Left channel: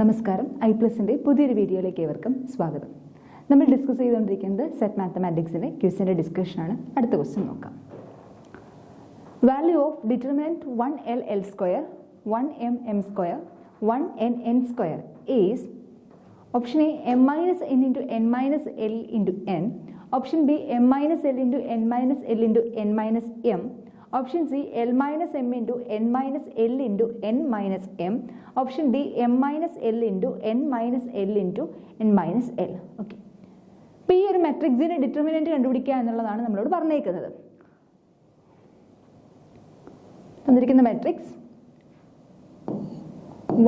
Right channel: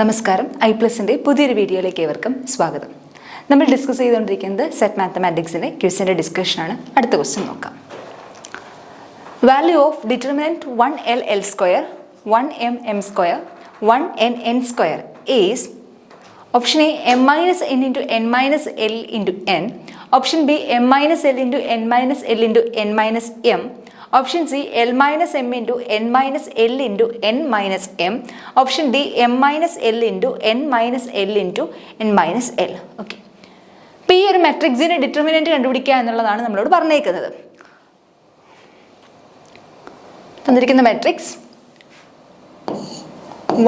നമസ്കാരം. ഐപ്ലസിൻ്റെ പുതിയൊരു വീഡിയോയിലേക്ക് ഏവർക്കും സ്വാഗതം. നമ്മൾ ഡിസ്കസ് ചെയ്തുകൊണ്ടിരിക്കുന്നത് സെറ്റ് മാത്തമാറ്റിക്സിൻ്റെ ക്വിസിൻ്റെ ഡിസ്കഷനാണ്. അടുത്ത ക്വസ്റ്റ്യൻ നോക്കാം. Value of determinant 1l(l)² 1m(m)², 1n(n)² is option A m-n(n)(l)(n), option B m-l(n)(n)(n)(m), option C l-m(n)(n)(n)(n)(m), option D m-l(n)(n)(n)(n)(l). Okay, അപ്പോൾ ഈ ഒരു മെട്രിക്സിൻ്റെ ഡിറ്റർമിനൻറ്റ് കണ്ടുപിടിക്കുക എന്നുള്ളതാണ് നമ്മളോട് പറഞ്ഞേക്കുന്നത്. തന്നിരിക്കുന്ന മെട്രിക്സ്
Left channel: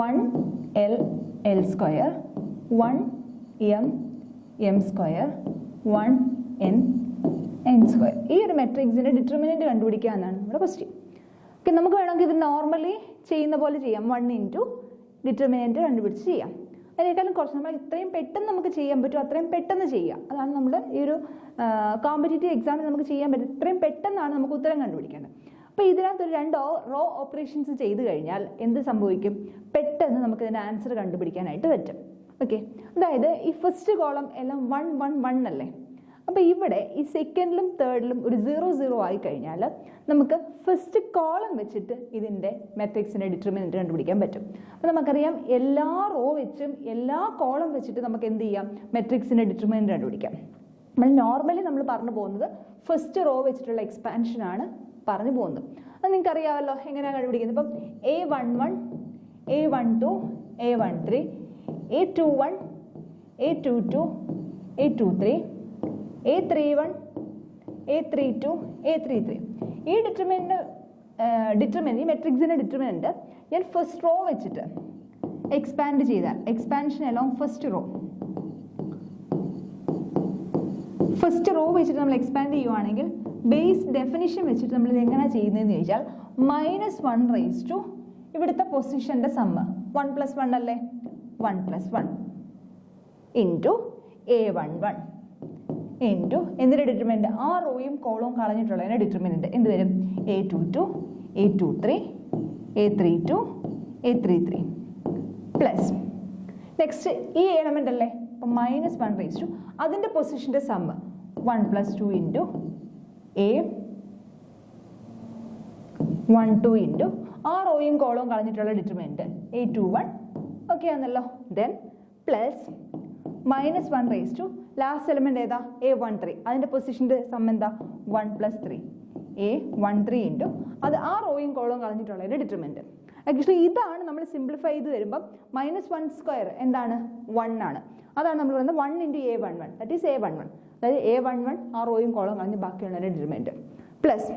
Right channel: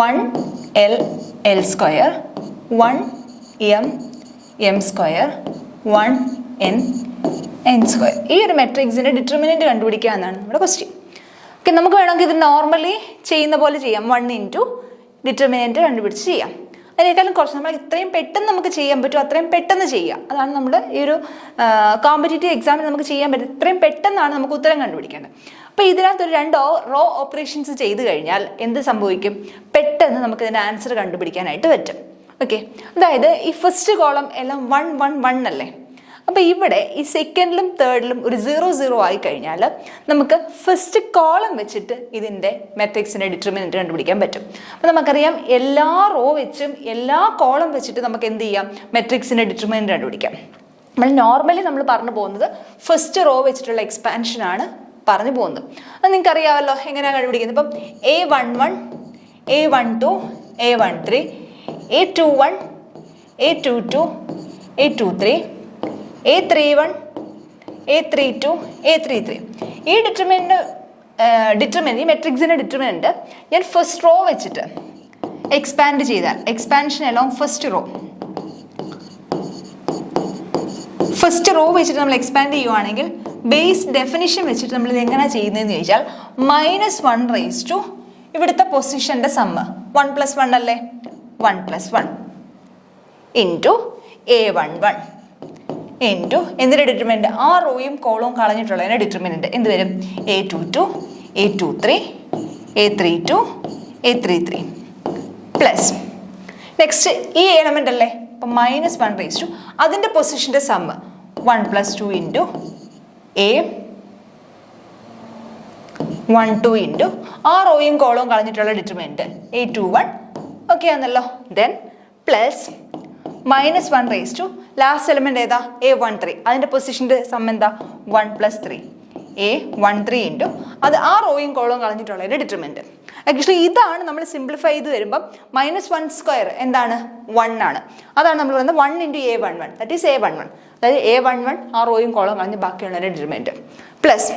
1l(l)², 1m(m)², 1n(n)². ഈ ഒരു മെട്രിക്സിൻ്റെ ഡിറ്റർമിനൻറ്റ് കണ്ടുപിടിക്കുക എന്നാണ് നമ്മുടെ ക്വസ്റ്റ്യൻ. ഓക്കെ, നമുക്ക് വേണമെങ്കിൽ ഇത് നോർമലി ചെയ്യുന്ന പോലെ ചെയ്യാം. 1 ഇൻറ്റു ഡിറ്റർമിനൻറ്റ് കണ്ടുപിടിച്ച് ചെയ്യാം. അതിനേക്കാളും കുറച്ച് നമ്മൾ ഇത്രയും പെട്ടെന്ന് നമുക്ക് ചെയ്യാൻ പറ്റും അത്രയും പെട്ടെന്ന് ചെയ്യുക. അതാണ് നമ്മുടെ ഈ ഒരു കോമ്പറ്റേറ്റീവ് എക്സാമിന് നമുക്ക് ചെയ്യാൻ പറ്റും. ഇത്രയും പെട്ടെന്നാണ് നമുക്ക് ഉത്തരം കണ്ടുപിടിക്കേണ്ടത്. അപ്പോൾ ഇതിനകത്തൊരു 2 റോ ഓപ്പറേഷൻസ് ചെയ്ത് കഴിഞ്ഞാൽ എന്ത് സംഭവിക്കും? പെട്ടെന്ന് നമുക്ക് ഇതിൻ്റെ ആൻസർ കണ്ടുപിടിക്കാനായിട്ട് പറ്റും. ഓക്കെ, അതായത് ഈ ഫസ്റ്റ് കോളം എല്ലാം 1 1 1 അല്ലേ. അപ്പോൾ ഇവിടെ ഈ സെക്കൻഡിലും തേർഡിലും ഒരു 0 0 ആയി കഴിഞ്ഞാൽ നമുക്ക് ഫസ്റ്റ് കോളം വെച്ചിട്ട് ഇതിൻ്റെ മെട്രിക്സിൻ്റെ ഡിറ്റർമിനൻറ്റ് കണ്ടുപിടിക്കാൻ പറ്റും. അപ്പോൾ നമുക്കറിയാം എല്ലാ റോ വെച്ചും എല്ലാ കോളം വെച്ചിട്ട് നമുക്ക് എന്ത് ചെയ്യാം? മെട്രിക്സിൻ്റെ ഡിറ്റർമിനൻറ്റ് കണ്ടുപിടിക്കാം. നമ്മൾ പറഞ്ഞു പോകുന്നത് ഫസ്റ്റ് റോ വെച്ചിട്ടുള്ള എക്സ്പാൻഷനാണ് പറഞ്ഞു പോകുന്നത്. അത് നിങ്ങൾക്ക് അറിയാമല്ലോ എങ്ങനെയാണ് കണ്ടുപിടിക്കുന്നത്. ഇപ്പം A11, A12, A13, A21, A22, A23, A31, A32, A33. ഈ ഡിറ്റർമിനൻറ്റ് ഈ മെട്രിക്സിൻ്റെ ഡിറ്റർമിനൻറ്റ് ഞാൻ ഫസ്റ്റ് റോ വെച്ചിട്ട് എക്സ്പാൻഡ് ചെയ്താൽ എക്സ്പാൻഷൻ അലോങ് ഫസ്റ്റ് റോ വെച്ചിട്ട് നമ്മൾ എക്സ്പാൻഡ് ചെയ്യുവാണെങ്കിൽ ബേസ് ഡെഫിനിഷൻ വെച്ചിട്ട് നമ്മൾ ഇത് എങ്ങനെ ചെയ്യുന്നതെന്ന് ചോദിച്ചാൽ -1 ഇവിടുത്തെ പൊസിഷൻ്റെ സമ്മ് 1 + 1 അല്ലേ, 1 + 1 ഇൻറ്റു A11 ഇൻറ്റു എന്തിൻ്റെ ഡിറ്റർമിനൻറ്റ്? ആ റോയും കോളവും കളഞ്ഞിട്ടുള്ളതിൻ്റെ ഡിറ്റർമിനൻറ്റ് എന്ത് വരും? A22, A23, A32, A33 plus next ഈ എലമെൻ്റ് അല്ലേ, അപ്പം -1 അതിൻ്റെ പൊസിഷൻ്റെ സമ്മ് 1 + 2 ഇൻറ്റു A12 ഇൻറ്റു ആ റോയും കോളവും കളഞ്ഞിട്ടുള്ള ഡിറ്റർമിനൻറ്റ് A21. ഓക്കെ ആണല്ലോ. ദെൻ പ്ലസ് -1 ലാസ്റ്റ് എലമെൻ്റ് ഏതാ? A13 അതിൻ്റെ പൊസിഷൻ്റെ സം എന്താ? 1 + 3 A13 ഇൻറ്റു അത് ആ റോയും കോളവും കളഞ്ഞിട്ടുള്ളതിൻ്റെ ഡിറ്റർമിനൻറ്റ്. ആക്ച്വലി ഇതാണ് നമ്മൾ സിംപ്ലിഫൈ ചെയ്ത് വരുമ്പം -1² എന്താണ്? 1 ആണ്. അതാണ് നമ്മൾ പറയുന്നത് 1 into A11, that is A11. അതായത് A11 ആ റോയും കോളവും കളഞ്ഞ് ബാക്കിയുള്ളതിൻ്റെ ഡിറ്റർമിനൻറ്റ് പ്ലസ്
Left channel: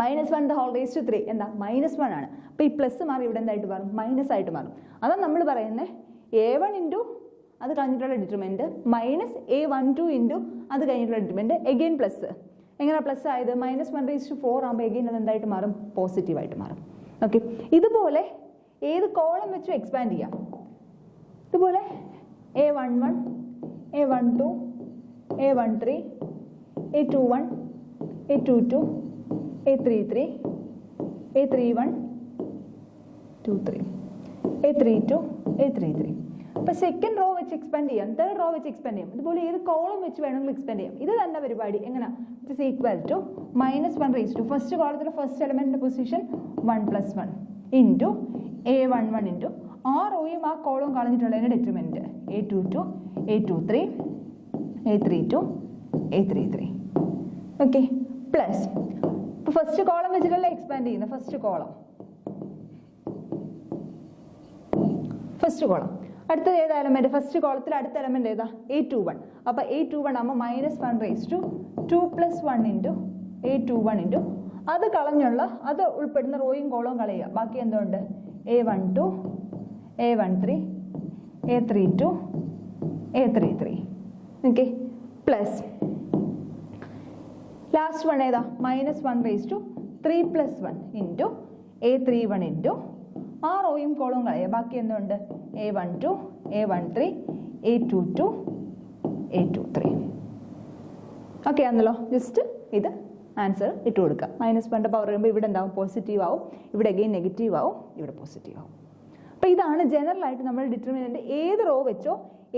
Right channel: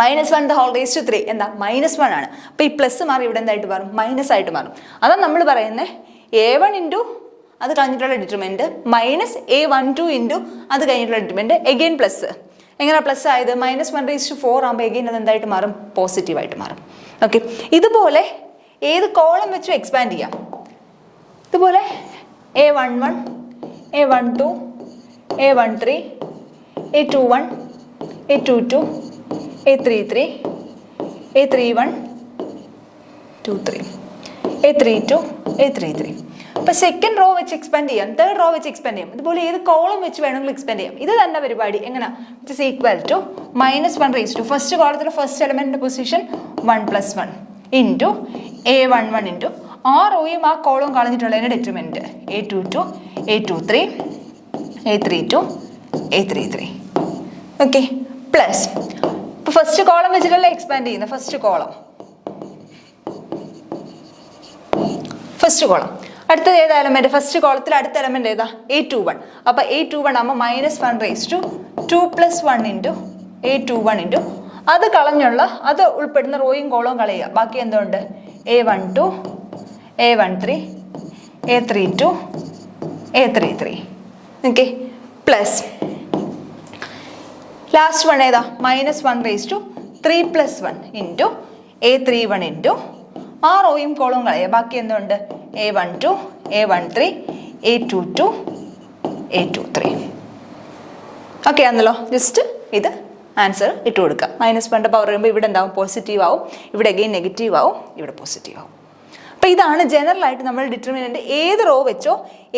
-1³ എന്താ? -1 ആണ്. അപ്പോൾ ഈ പ്ലസ് മാറി ഇവിടെ എന്തായിട്ട് മാറും? മൈനസ് ആയിട്ട് മാറും. അതാണ് നമ്മൾ പറയുന്നത് A1 ഇൻറ്റു അത് കഴിഞ്ഞിട്ടുള്ള ഡിറ്റർമിനൻറ്റ് -A12 ഇൻറ്റു അത് കഴിഞ്ഞിട്ടുള്ള ഡിറ്റർമിനൻറ്റ് എഗെയിൻ പ്ലസ്. എങ്ങനെയാണ് പ്ലസ് ആയത്? -1/4 ആകുമ്പോൾ എഗെയിൻ അത് എന്തായിട്ട് മാറും? പോസിറ്റീവായിട്ട് മാറും. ഓക്കെ, ഇതുപോലെ ഏത് കോളം വെച്ചും എക്സ്പാൻഡ് ചെയ്യാം. ഇതുപോലെ A11, A12, A13, A21, A22, A33, A31, 23, A32, A33. അപ്പോൾ സെക്കൻഡ് റോ വെച്ച് എക്സ്പാൻഡ് ചെയ്യാം, തേർഡ് റോ വെച്ച് എക്സ്പാൻഡ് ചെയ്യാം. ഇതുപോലെ ഏത് കോളം വെച്ച് വേണമെങ്കിലും എക്സ്പാൻഡ് ചെയ്യാം. ഇത് തന്നെ പരിപാടി. എങ്ങനെ? It is equal to -1 first കോളത്തിലെ ഫസ്റ്റ് എലമെൻറ്റിൻ്റെ പൊസിഷൻ 1 + 1 ഇൻറ്റു A11 ഇൻറ്റു ആ റോയും ആ കോളവും കളഞ്ഞിട്ടുള്ളതിൻ്റെ determinant A22, A23, A32, A33. Okay, plus ഇപ്പോൾ ഫസ്റ്റ് കോളം വെച്ചിട്ടല്ലേ എക്സ്പാൻഡ് ചെയ്യുന്നത്? ഫസ്റ്റ് കോളം അടുത്തത് ഏതാ എലമെൻറ്റ്? ഫസ്റ്റ് കോളത്തിൽ അടുത്ത എലമെൻറ്റ് ഏതാ? A21. അപ്പോൾ A21 ആകുമ്പോൾ -1 2 + 1 ഇൻറ്റു A21 ഇൻറ്റു അത് കളഞ്ഞുള്ള അത് ഉൾപ്പെടുന്ന റോയും കോളവും കളയുക. ബാക്കി എന്തുണ്ട്? A12, A13, A32, A33. Okay, plus last one ഏതാ? -1 3 + 1 ഇൻറ്റു A31 ഇൻറ്റു ആ റോയും കോളവും കളയുക. ബാക്കി എന്തുണ്ട്? A12, A13, A22, A23. Okay ആണല്ലോ. ജസ്റ്റ് ഇത് ആൻസർ ഇട്ട് കൊടുക്കുക. -1 പവർ വരുമ്പോൾ ഇവിടെ എന്താവും? പോസിറ്റീവ് ആവും. ഇവിടെ അഗെയിൻ നെഗറ്റീവ് ആവും. ഇവിടെ പോസിറ്റീവ് ആവും. അപ്പോൾ ഇതാണ് ജനറലായിട്ട് നമ്മൾ ഡിറ്റർമിനൻ്റ് ഏത് റോ വെച്ചോ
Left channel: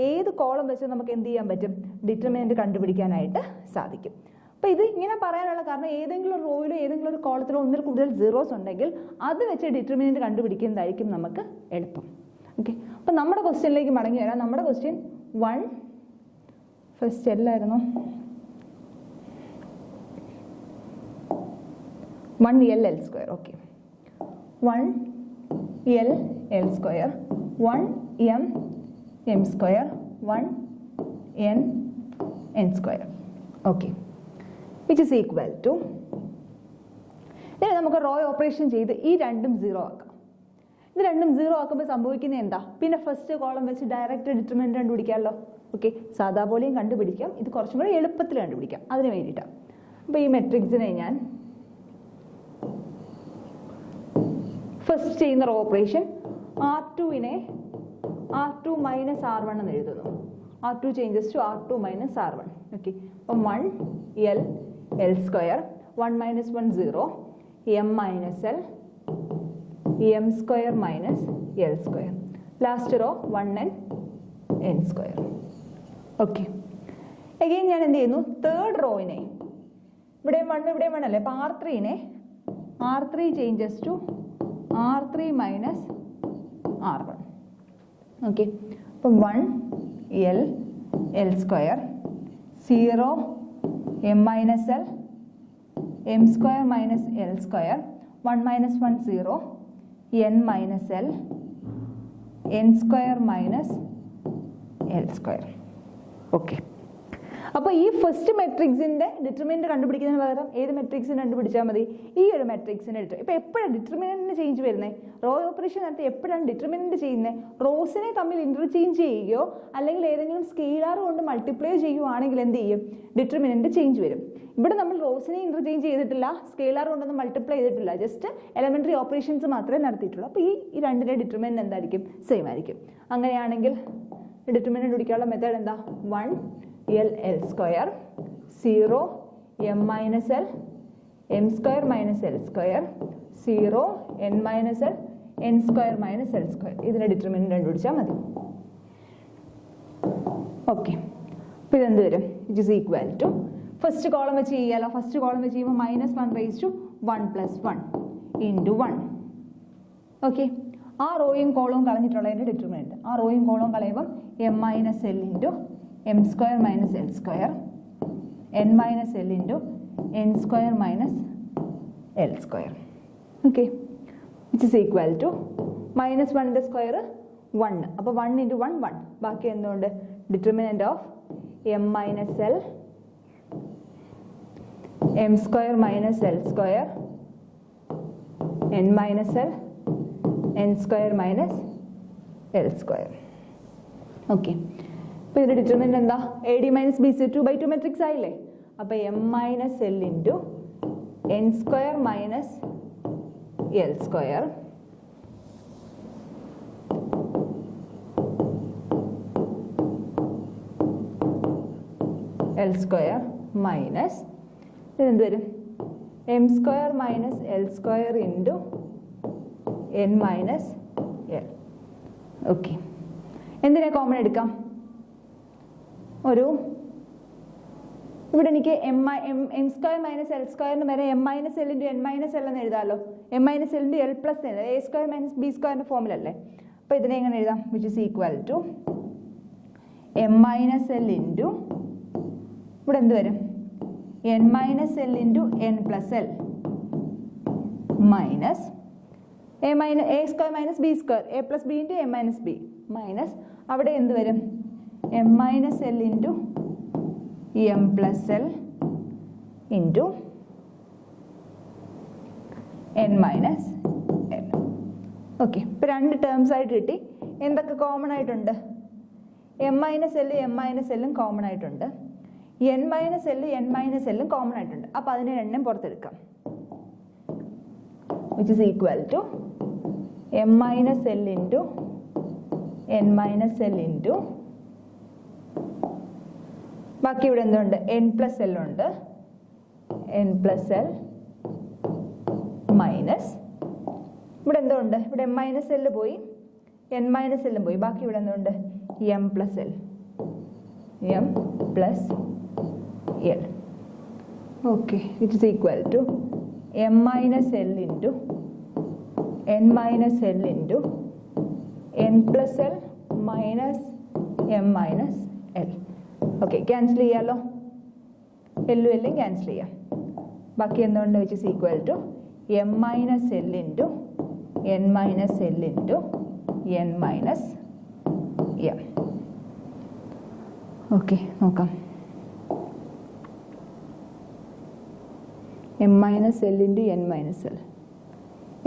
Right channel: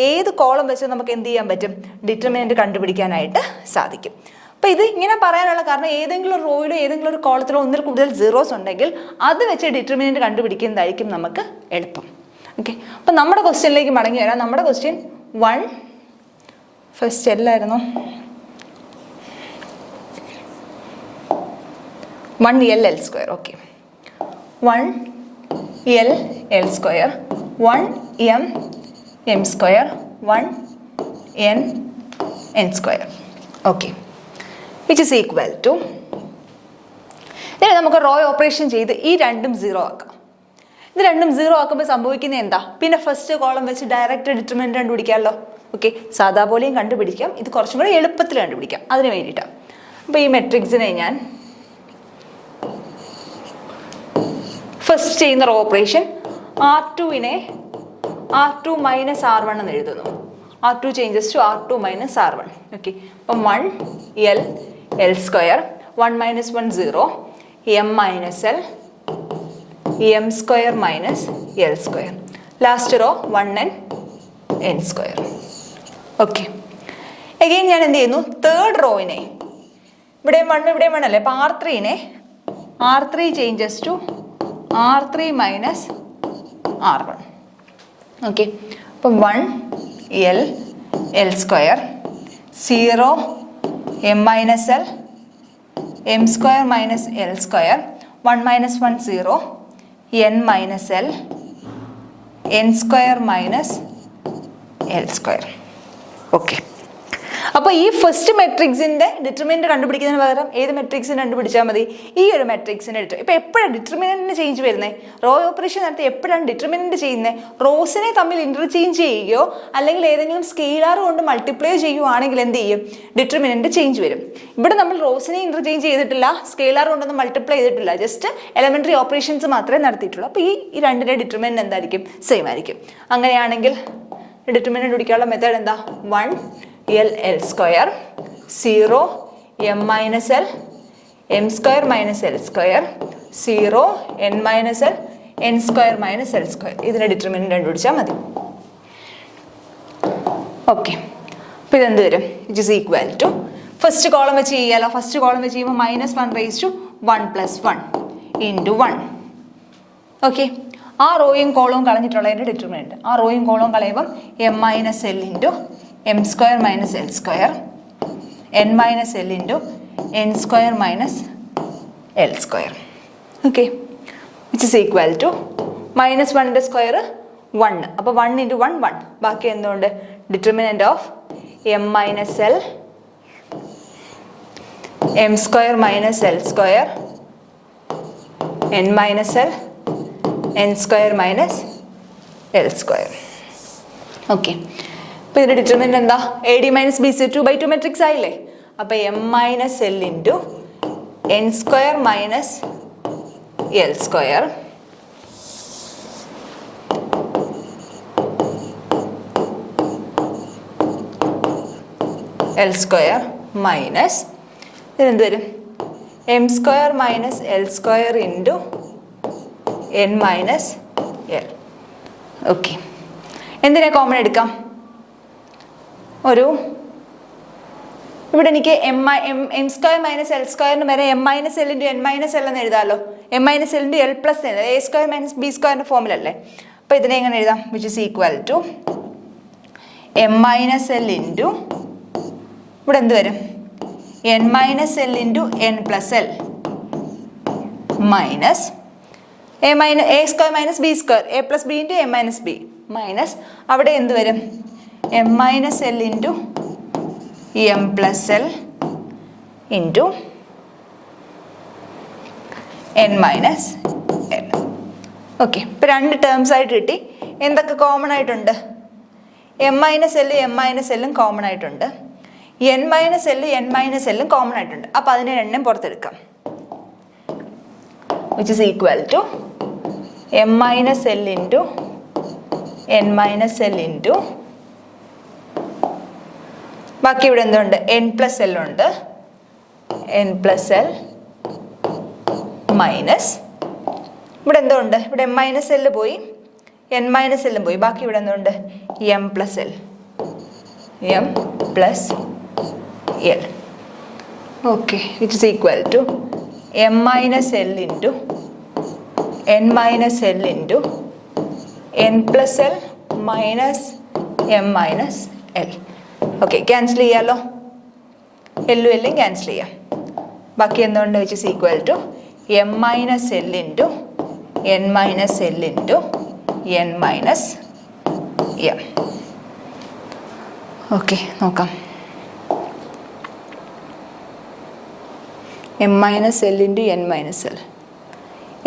ഏത് കോളം വെച്ചോ നമുക്ക് എന്ത് ചെയ്യാൻ പറ്റും, ഡിറ്റർമിനൻ്റ് കണ്ടുപിടിക്കാനായിട്ട് സാധിക്കും. അപ്പോൾ ഇത് ഇങ്ങനെ പറയാനുള്ള കാരണം ഏതെങ്കിലും ഒരു റോയിലോ ഏതെങ്കിലും ഒരു കോളത്തിലോ ഒന്നിൽ കൂടുതൽ സീറോസ് ഉണ്ടെങ്കിൽ അത് വെച്ച് ഡിറ്റർമിനൻ്റ് കണ്ടുപിടിക്കുന്നതായിരിക്കും നമുക്ക് എളുപ്പം. ഓക്കെ, അപ്പോൾ നമ്മുടെ ക്വസ്റ്റ്യനിലേക്ക് മടങ്ങി വരാം. നമ്മുടെ ക്വസ്റ്റ്യൻ 1 ഫസ്റ്റ് എല്ലായിരുന്നു 1l square. Okay, 1l square, 1m square, 1n square. Okay, which is equal to, ഇനി നമുക്ക് റോ ഓപ്പറേഷൻ ചെയ്ത് ഈ രണ്ടും 0 ആക്കാം. ഇത് രണ്ടും 0 ആക്കുമ്പോൾ സംഭവിക്കുന്നത് എന്താ, പിന്നെ ഫസ്റ്റ് കോളം വെച്ച് ഡയറക്റ്റ് ഡിറ്റർമിനൻ്റ് കണ്ടുപിടിക്കാമല്ലോ. ഓക്കെ, സാധാ പോലെയും കണ്ടുപിടിക്കാം, ഇത് കുറച്ചും കൂടി എളുപ്പത്തിൽ കണ്ടുപിടിക്കാം, അതിന് വേണ്ടിയിട്ടാണ്. അപ്പോൾ ഈ മെട്രിക്സിനെ ഞാൻ ഫസ്റ്റ് ചെയ്യുന്ന row operation R2നെ R2 minus R1 എന്ന് എഴുതുന്നു. R2 changes to R2 minus R1. Okay, അപ്പം 1l square, 1 minus 1 0, m minus l, m square minus l square. Last raw 1n square. Okay, again ഞാൻ എന്ത് ചെയ്യുന്നു, തേർഡ് റോയിനെ ഇവിടെയും 1 ഇവിടെയും 1 അല്ലേ, അപ്പോൾ R3നെ R3 changes to R3 minus R1. Okay, അപ്പം 1l square, 0 m minus l, m square minus l square, 1 minus 1 0, n minus l, n square minus l square. Okay, അപ്പോൾ ഈ ഫസ്റ്റ് മെട്രിക്സിൻ്റെ ഡിറ്റർമിനൻ്റ് കണ്ടുപിടിക്കുന്നതിന് പകരം ഏത് മെട്രിക്സിന് കണ്ടുപിടിച്ചാൽ മതി, ഈ ഒരു മെട്രിക്സിൻ്റെ ഇപ്പോൾ എപ്പോഴാണ് ഡിറ്റർമിനൻറ്റിന് ചേഞ്ച് വരുന്നത്, റോ ഓപ്പറേഷൻ നടത്തി എപ്പോഴാണ് ഡിറ്റർമിനൻ്റ് ചെയ്യുന്നത്, റോസിനെ തമ്മിൽ ഇൻ്റർചേഞ്ച് ചെയ്യുകയോ അല്ലെങ്കിൽ ഏതെങ്കിലും സ്കെയിലാർ കൊണ്ട് മൾട്ടിപ്ലൈ ചെയ്യുകയാണെങ്കിൽ എന്ത് ചെയ്യും, ഡിറ്റർമിനൻ്റ് ചേഞ്ച് വരും. ഇവിടെ നമ്മൾ റോസിനെ ഇൻ്റർചേഞ്ച് ചെയ്തിട്ടില്ല, സ്കെയിലാർ കൊണ്ടൊന്നും മൾട്ടിപ്ലൈ ചെയ്തിട്ടില്ല, ജസ്റ്റ് എലമെൻ്ററി ഓപ്പറേഷൻസ് മാത്രമേ നടത്തിയിട്ടുള്ളൂ. അപ്പോൾ ഈ രണ്ടിൻ്റെ ഡിറ്റർമിനൻ്റ് എന്തായിരിക്കും, സെയിം ആയിരിക്കും. അങ്ങനെയാണെങ്കിൽ ഡിറ്റർമിനൻ്റ് പിടിക്കാനുള്ള മെത്തേഡ് എന്താ, 1l square, 0 m minus l, m square minus l square, 0 n minus l, n square minus l square. ഇതിൻ്റെ ഡിറ്റർമിനൻ്റ് കണ്ടുപിടിച്ചാൽ മതി. ഓക്കെ, അപ്പോൾ ഇതെന്ത് വരും, it is equal to first column വെച്ച് ചെയ്യാമല്ലോ. ഫസ്റ്റ് കോളം വെച്ച് ചെയ്യുമ്പോൾ -1 റേസ് ടു 1 + 1 ഇൻറ്റു 1. ഓക്കെ, ആ റോയും കോളവും കളഞ്ഞിട്ടുള്ളതിൻ്റെ ഡിറ്റർമിനൻ്റ്, ആ റോയും കോളവും കളയുമ്പം m minus l into m square minus l square, n minus l into n square minus l square. Okay, which is equal to -1ൻ്റെ സ്ക്വയർ 1, അപ്പോൾ 1 ഇൻറ്റു 1 1, ബാക്കി എന്തുകൊണ്ട് determinant of m minus l, m square minus l square, n minus l, n square minus l square. Okay, അപ്പോൾ ഇതിൻ്റെ determinant എന്താ, AD minus BC 2/2 matrix ആയില്ലേ. അപ്പോൾ m minus l into n square minus l square l square minus ഇതിനെന്ത് വരും, m square minus l square into n minus l. Okay, എന്തിനാ common എടുക്കാം, ഇവിടെ എനിക്ക് m സ്ക്വയർ മൈനസ് l സ്ക്വയറിന് വരെ m minus l into n minus l എന്ന് എഴുതാമല്ലോ. m minus l into l plus എഴുതാം, a സ്ക്വയർ മൈനസ് b സ്ക്വയറിൻ്റെ ഫോമിലല്ലേ. അപ്പോൾ ഇതിനെ എങ്ങനെ എഴുതാം, which is equal to m minus l into ഇവിടെ എന്ത് വരും, n minus l into n plus l minus a square minus b square, a plus b into m minus b minus അവിടെ എന്ത് വരും, m minus l into m plus l into n minus l. Okay, ഇപ്പോൾ രണ്ട് terms ആയിട്ട് കിട്ടി. എന്തൊക്കെ common ആയിട്ടുണ്ട്, m minus l m minus എല്ലും കോമൺ ആയിട്ടുണ്ട്, n minus l n minus എല്ലും കോമൺ ആയിട്ടുണ്ട്. അപ്പോൾ അതിനെ രണ്ടും പുറത്തെടുക്കാം, which is equal to m minus l into n minus l into ബാക്കി ഇവിടെ എന്തുണ്ട്, n പ്ലസ് l ഉണ്ട്, n പ്ലസ് l മൈനസ് ഇവിടെ എന്തുണ്ട്, ഇവിടെ m മൈനസ് l പോയി എൻ മൈനസ് എല്ലും പോയി, ബാക്കി ഇവിടെ എന്തുണ്ട്? M plus l, m plus l. Okay, which is equal to m minus l into n minus l into n plus l minus m minus l. Okay, cancel ചെയ്യാമല്ലോ, എല്ലും എല്ലും cancel ചെയ്യാം. ബാക്കി എന്തുകൊണ്ട്? Which is equal to m minus l into n minus l into n minus m. Okay, നോക്കാം. M minus l into n minus l,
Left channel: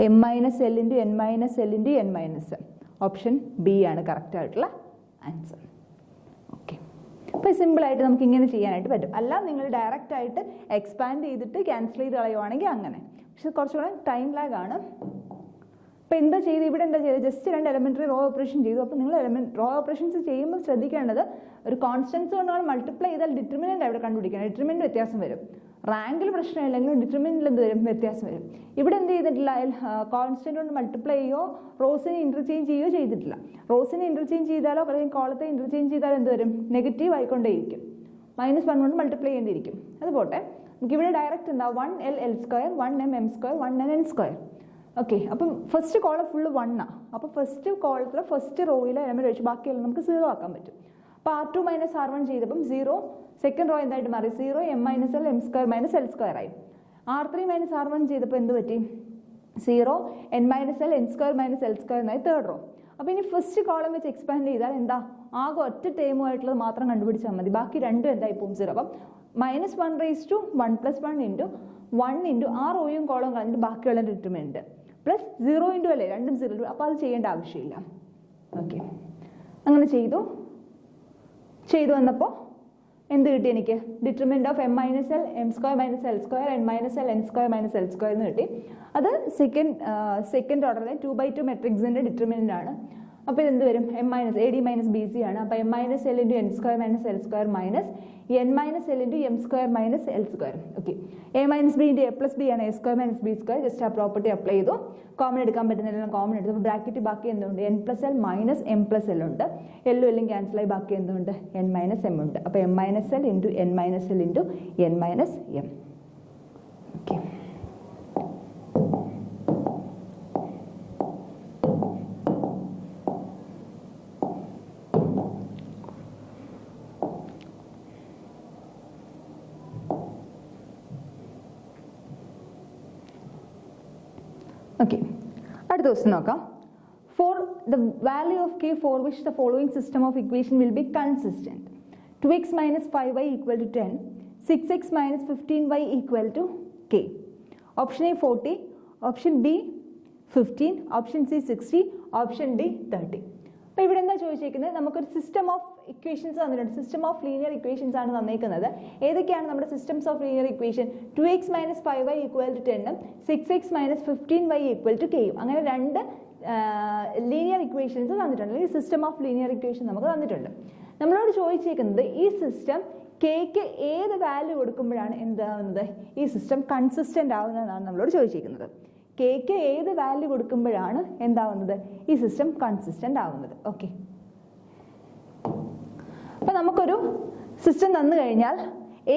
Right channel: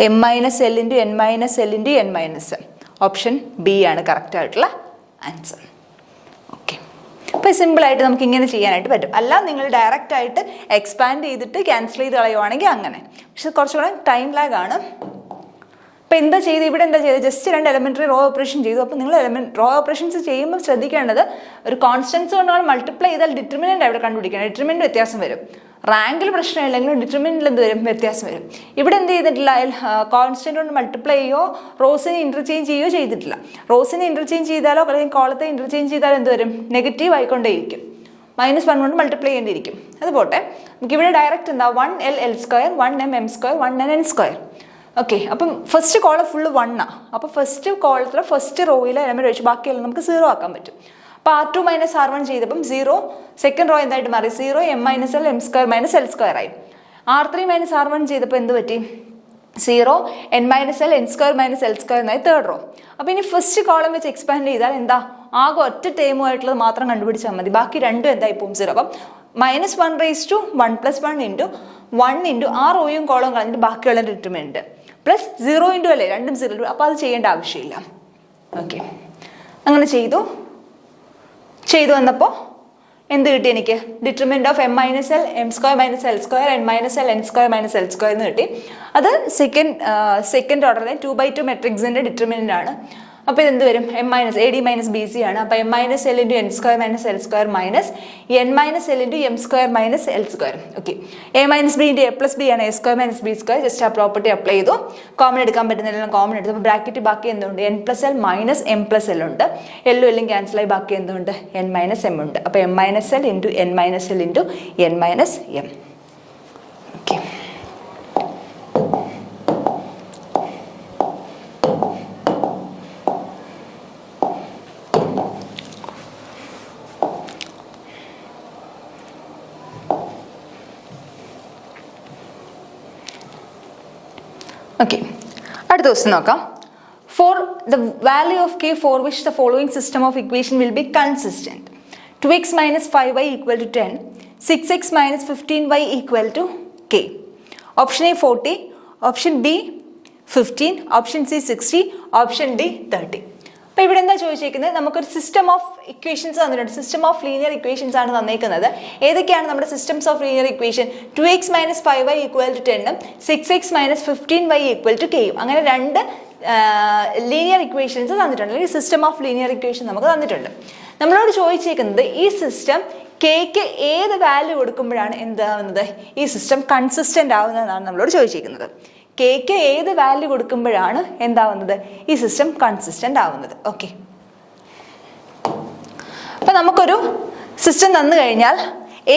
m minus l into n minus l into n minus M. Option B ആണ് correct ആയിട്ടുള്ള answer. Okay, അപ്പോൾ സിമ്പിളായിട്ട് നമുക്ക് ഇങ്ങനെ ചെയ്യാനായിട്ട് പറ്റും. അല്ല നിങ്ങൾ ഡയറക്റ്റ് ആയിട്ട് എക്സ്പാൻഡ് ചെയ്തിട്ട് ക്യാൻസൽ ചെയ്ത് കളയുവാണെങ്കിൽ അങ്ങനെ, പക്ഷെ കുറച്ചുകൂടെ ടൈം ലാഗ് ആണ്. അപ്പോൾ എന്താ ചെയ്ത് ഇവിടെ എന്താ ചെയ്തത്? ജസ്റ്റ് 2 എലമെൻ്ററി റോ ഓപ്പറേഷൻ ചെയ്തു. അപ്പോൾ നിങ്ങൾ റോ ഓപ്പറേഷൻസ് ചെയ്യുമ്പോൾ ശ്രദ്ധിക്കേണ്ടത് ഒരു കോൺസ്റ്റൻസ് കൊണ്ടാണ് മൾട്ടിപ്ലൈ ചെയ്താൽ ഡിറ്റർമിനൻ്റ് അവിടെ കണ്ടുപിടിക്കണം. ഡിറ്റർമിനൻ്റ് വ്യത്യാസം വരും. റാങ്കിൽ പ്രശ്നമില്ലെങ്കിലും ഡിറ്റർമിനൻ്റിൽ എന്ത് വരും? വ്യത്യാസം വരും. ഇവിടെ എന്ത് ചെയ്തിട്ടില്ല? കോൺസ്റ്റൻ്റ് കൊണ്ട് മൾട്ടിപ്ലൈ ചെയ്യോ റോസിനെ ഇൻ്റർചേഞ്ച് ചെയ്യുകയോ ചെയ്തിട്ടില്ല. റോസിനെ ഇൻ്റർചേഞ്ച് ചെയ്താലോ അല്ലെങ്കിൽ കോളത്തെ ഇൻ്റർചേഞ്ച് ചെയ്താലോ എന്ത് വരും? നെഗറ്റീവ് ആയിക്കൊണ്ടേയിരിക്കും. -1 കൊണ്ട് മൾട്ടിപ്ലൈ ചെയ്യേണ്ടിയിരിക്കും. അതുപോട്ടെ, നമുക്കിവിടെ ഡയറക്റ്റ് എന്താ 1l l², 1m m², 1n n². Okay, അപ്പം ഫസ്റ്റ് കോളം ഫുള്ള് 1 ആണ്. അപ്പോൾ ഫസ്റ്റ് കോളത്തിൽ ഫസ്റ്റ് റോയിൽ എലമെൻറ്റ് വെച്ച് ബാക്കിയെല്ലാം നമുക്ക് 0 ആക്കാൻ പറ്റും. അപ്പോൾ R2 - R1 ചെയ്തപ്പം 0, സെക്കൻഡ് റോ എന്തായിട്ട് മാറി? 0 m - l m² - l² ആയി. R3 - R1 ചെയ്തപ്പോൾ എന്ത് പറ്റി? 0 n - l n² - l² എന്നായി തേർഡ് റോ. അപ്പോൾ ഇനി ഫസ്റ്റ് കോളം വെച്ച് എക്സ്പാൻഡ് ചെയ്താൽ എന്താ? ആകെ ഒറ്റ ടേമുമായിട്ടുള്ളത് മാത്രം കണ്ടുപിടിച്ചാൽ മതി, ബാക്കി രണ്ടും എന്തായി പോകും? 0. അപ്പം -1 raised to 1 + 1 ഇൻറ്റു 1 ഇൻറ്റു ആ റോയും കോളം കളഞ്ഞിട്ട് ബാക്കിയുള്ള ഡിറ്റർമിനൻ്റ് പ്ലസ് 0 ഇൻറ്റു അല്ലേ, രണ്ടും 0. അപ്പോൾ അത് ചെയ്യേണ്ട ആവശ്യമില്ല. ഓക്കെ, അങ്ങനെ ചെയ്തു വന്നപ്പോൾ എന്ത് കിട്ടി എനിക്ക്? Determinant of m - l m² - l², n - l n² - l² എന്ന് കിട്ടി. അത് സെക്കൻഡ് ഓർഡറിലെ 2/2 മെട്രിക്സിൻ്റെ ഡിറ്റർമിനൻ്റ് ആണ്. അപ്പോൾ ഇതെന്ത് വരും? AD - BC ആണ്. അപ്പോൾ m - l × n² - l² - n - l × m² - l². Okay, a - b × a + b ആണ്, a² - b². ജസ്റ്റ് ആ പ്രോപ്പർട്ടി അപ്ലൈ ചെയ്തു. കോമൺ എടുക്കാൻ പറ്റുന്നതെല്ലാം കോമൺ എടുത്തു. അപ്പോൾ ബ്രാക്കറ്റ് ബാക്കി എന്തുണ്ട്? n + l - m + l ഉണ്ട്. എല്ലും എല്ലും ക്യാൻസലായി ബാക്കി എന്തുണ്ട്? n - m ഉണ്ട്. അപ്പോൾ m - l × n - l × n - m. Okay, okay, അടുത്ത ക്വസ്റ്റ്യൻ നോക്കാം. For the value of k for which the following system of equation will be consistent: 2x - 5y = 10, 6x - 15y = k. Option A 40, option B 15, option C 60, option D 30. അപ്പോൾ ഇവിടെ എന്താ ചോദിച്ചേക്കുന്നത്? നമുക്കൊരു system of equations തന്നിട്ടുണ്ട്. System of linear equations ആണ് തന്നേക്കുന്നത്. ഏതൊക്കെയാണ് നമ്മുടെ systems of linear equation? 2x - 5y = 10, 6x - 15y = k. അങ്ങനെ രണ്ട് ലീനിയർ ഇക്വേഷൻസ് തന്നിട്ടുണ്ട്, അല്ലെങ്കിൽ സിസ്റ്റം ഓഫ് ലീനിയർ ഇക്വേഷൻ നമുക്ക് തന്നിട്ടുണ്ട്. നമ്മളോട് ചോദിച്ചേക്കുന്നത് ഈ സിസ്റ്റം കെക്ക് ഏത് വാല്യൂ കൊടുക്കുമ്പോഴാണ് എന്താവുന്നത്? ഈ സിസ്റ്റം കൺസിസ്റ്റൻ്റ് ആവുന്നതെന്നാണ് നമ്മളോട് ചോദിച്ചേക്കുന്നത്. കെക്ക് ഏത് വാല്യൂ കൊടുക്കുമ്പോഴാണ് എന്താവുന്നത്? ഈ സിസ്റ്റം കൺസിസ്റ്റൻ്റ് ആവുന്നത്. ഓക്കെ, അപ്പം നമുക്കൊരു സിസ്റ്റം തന്നു കഴിഞ്ഞാൽ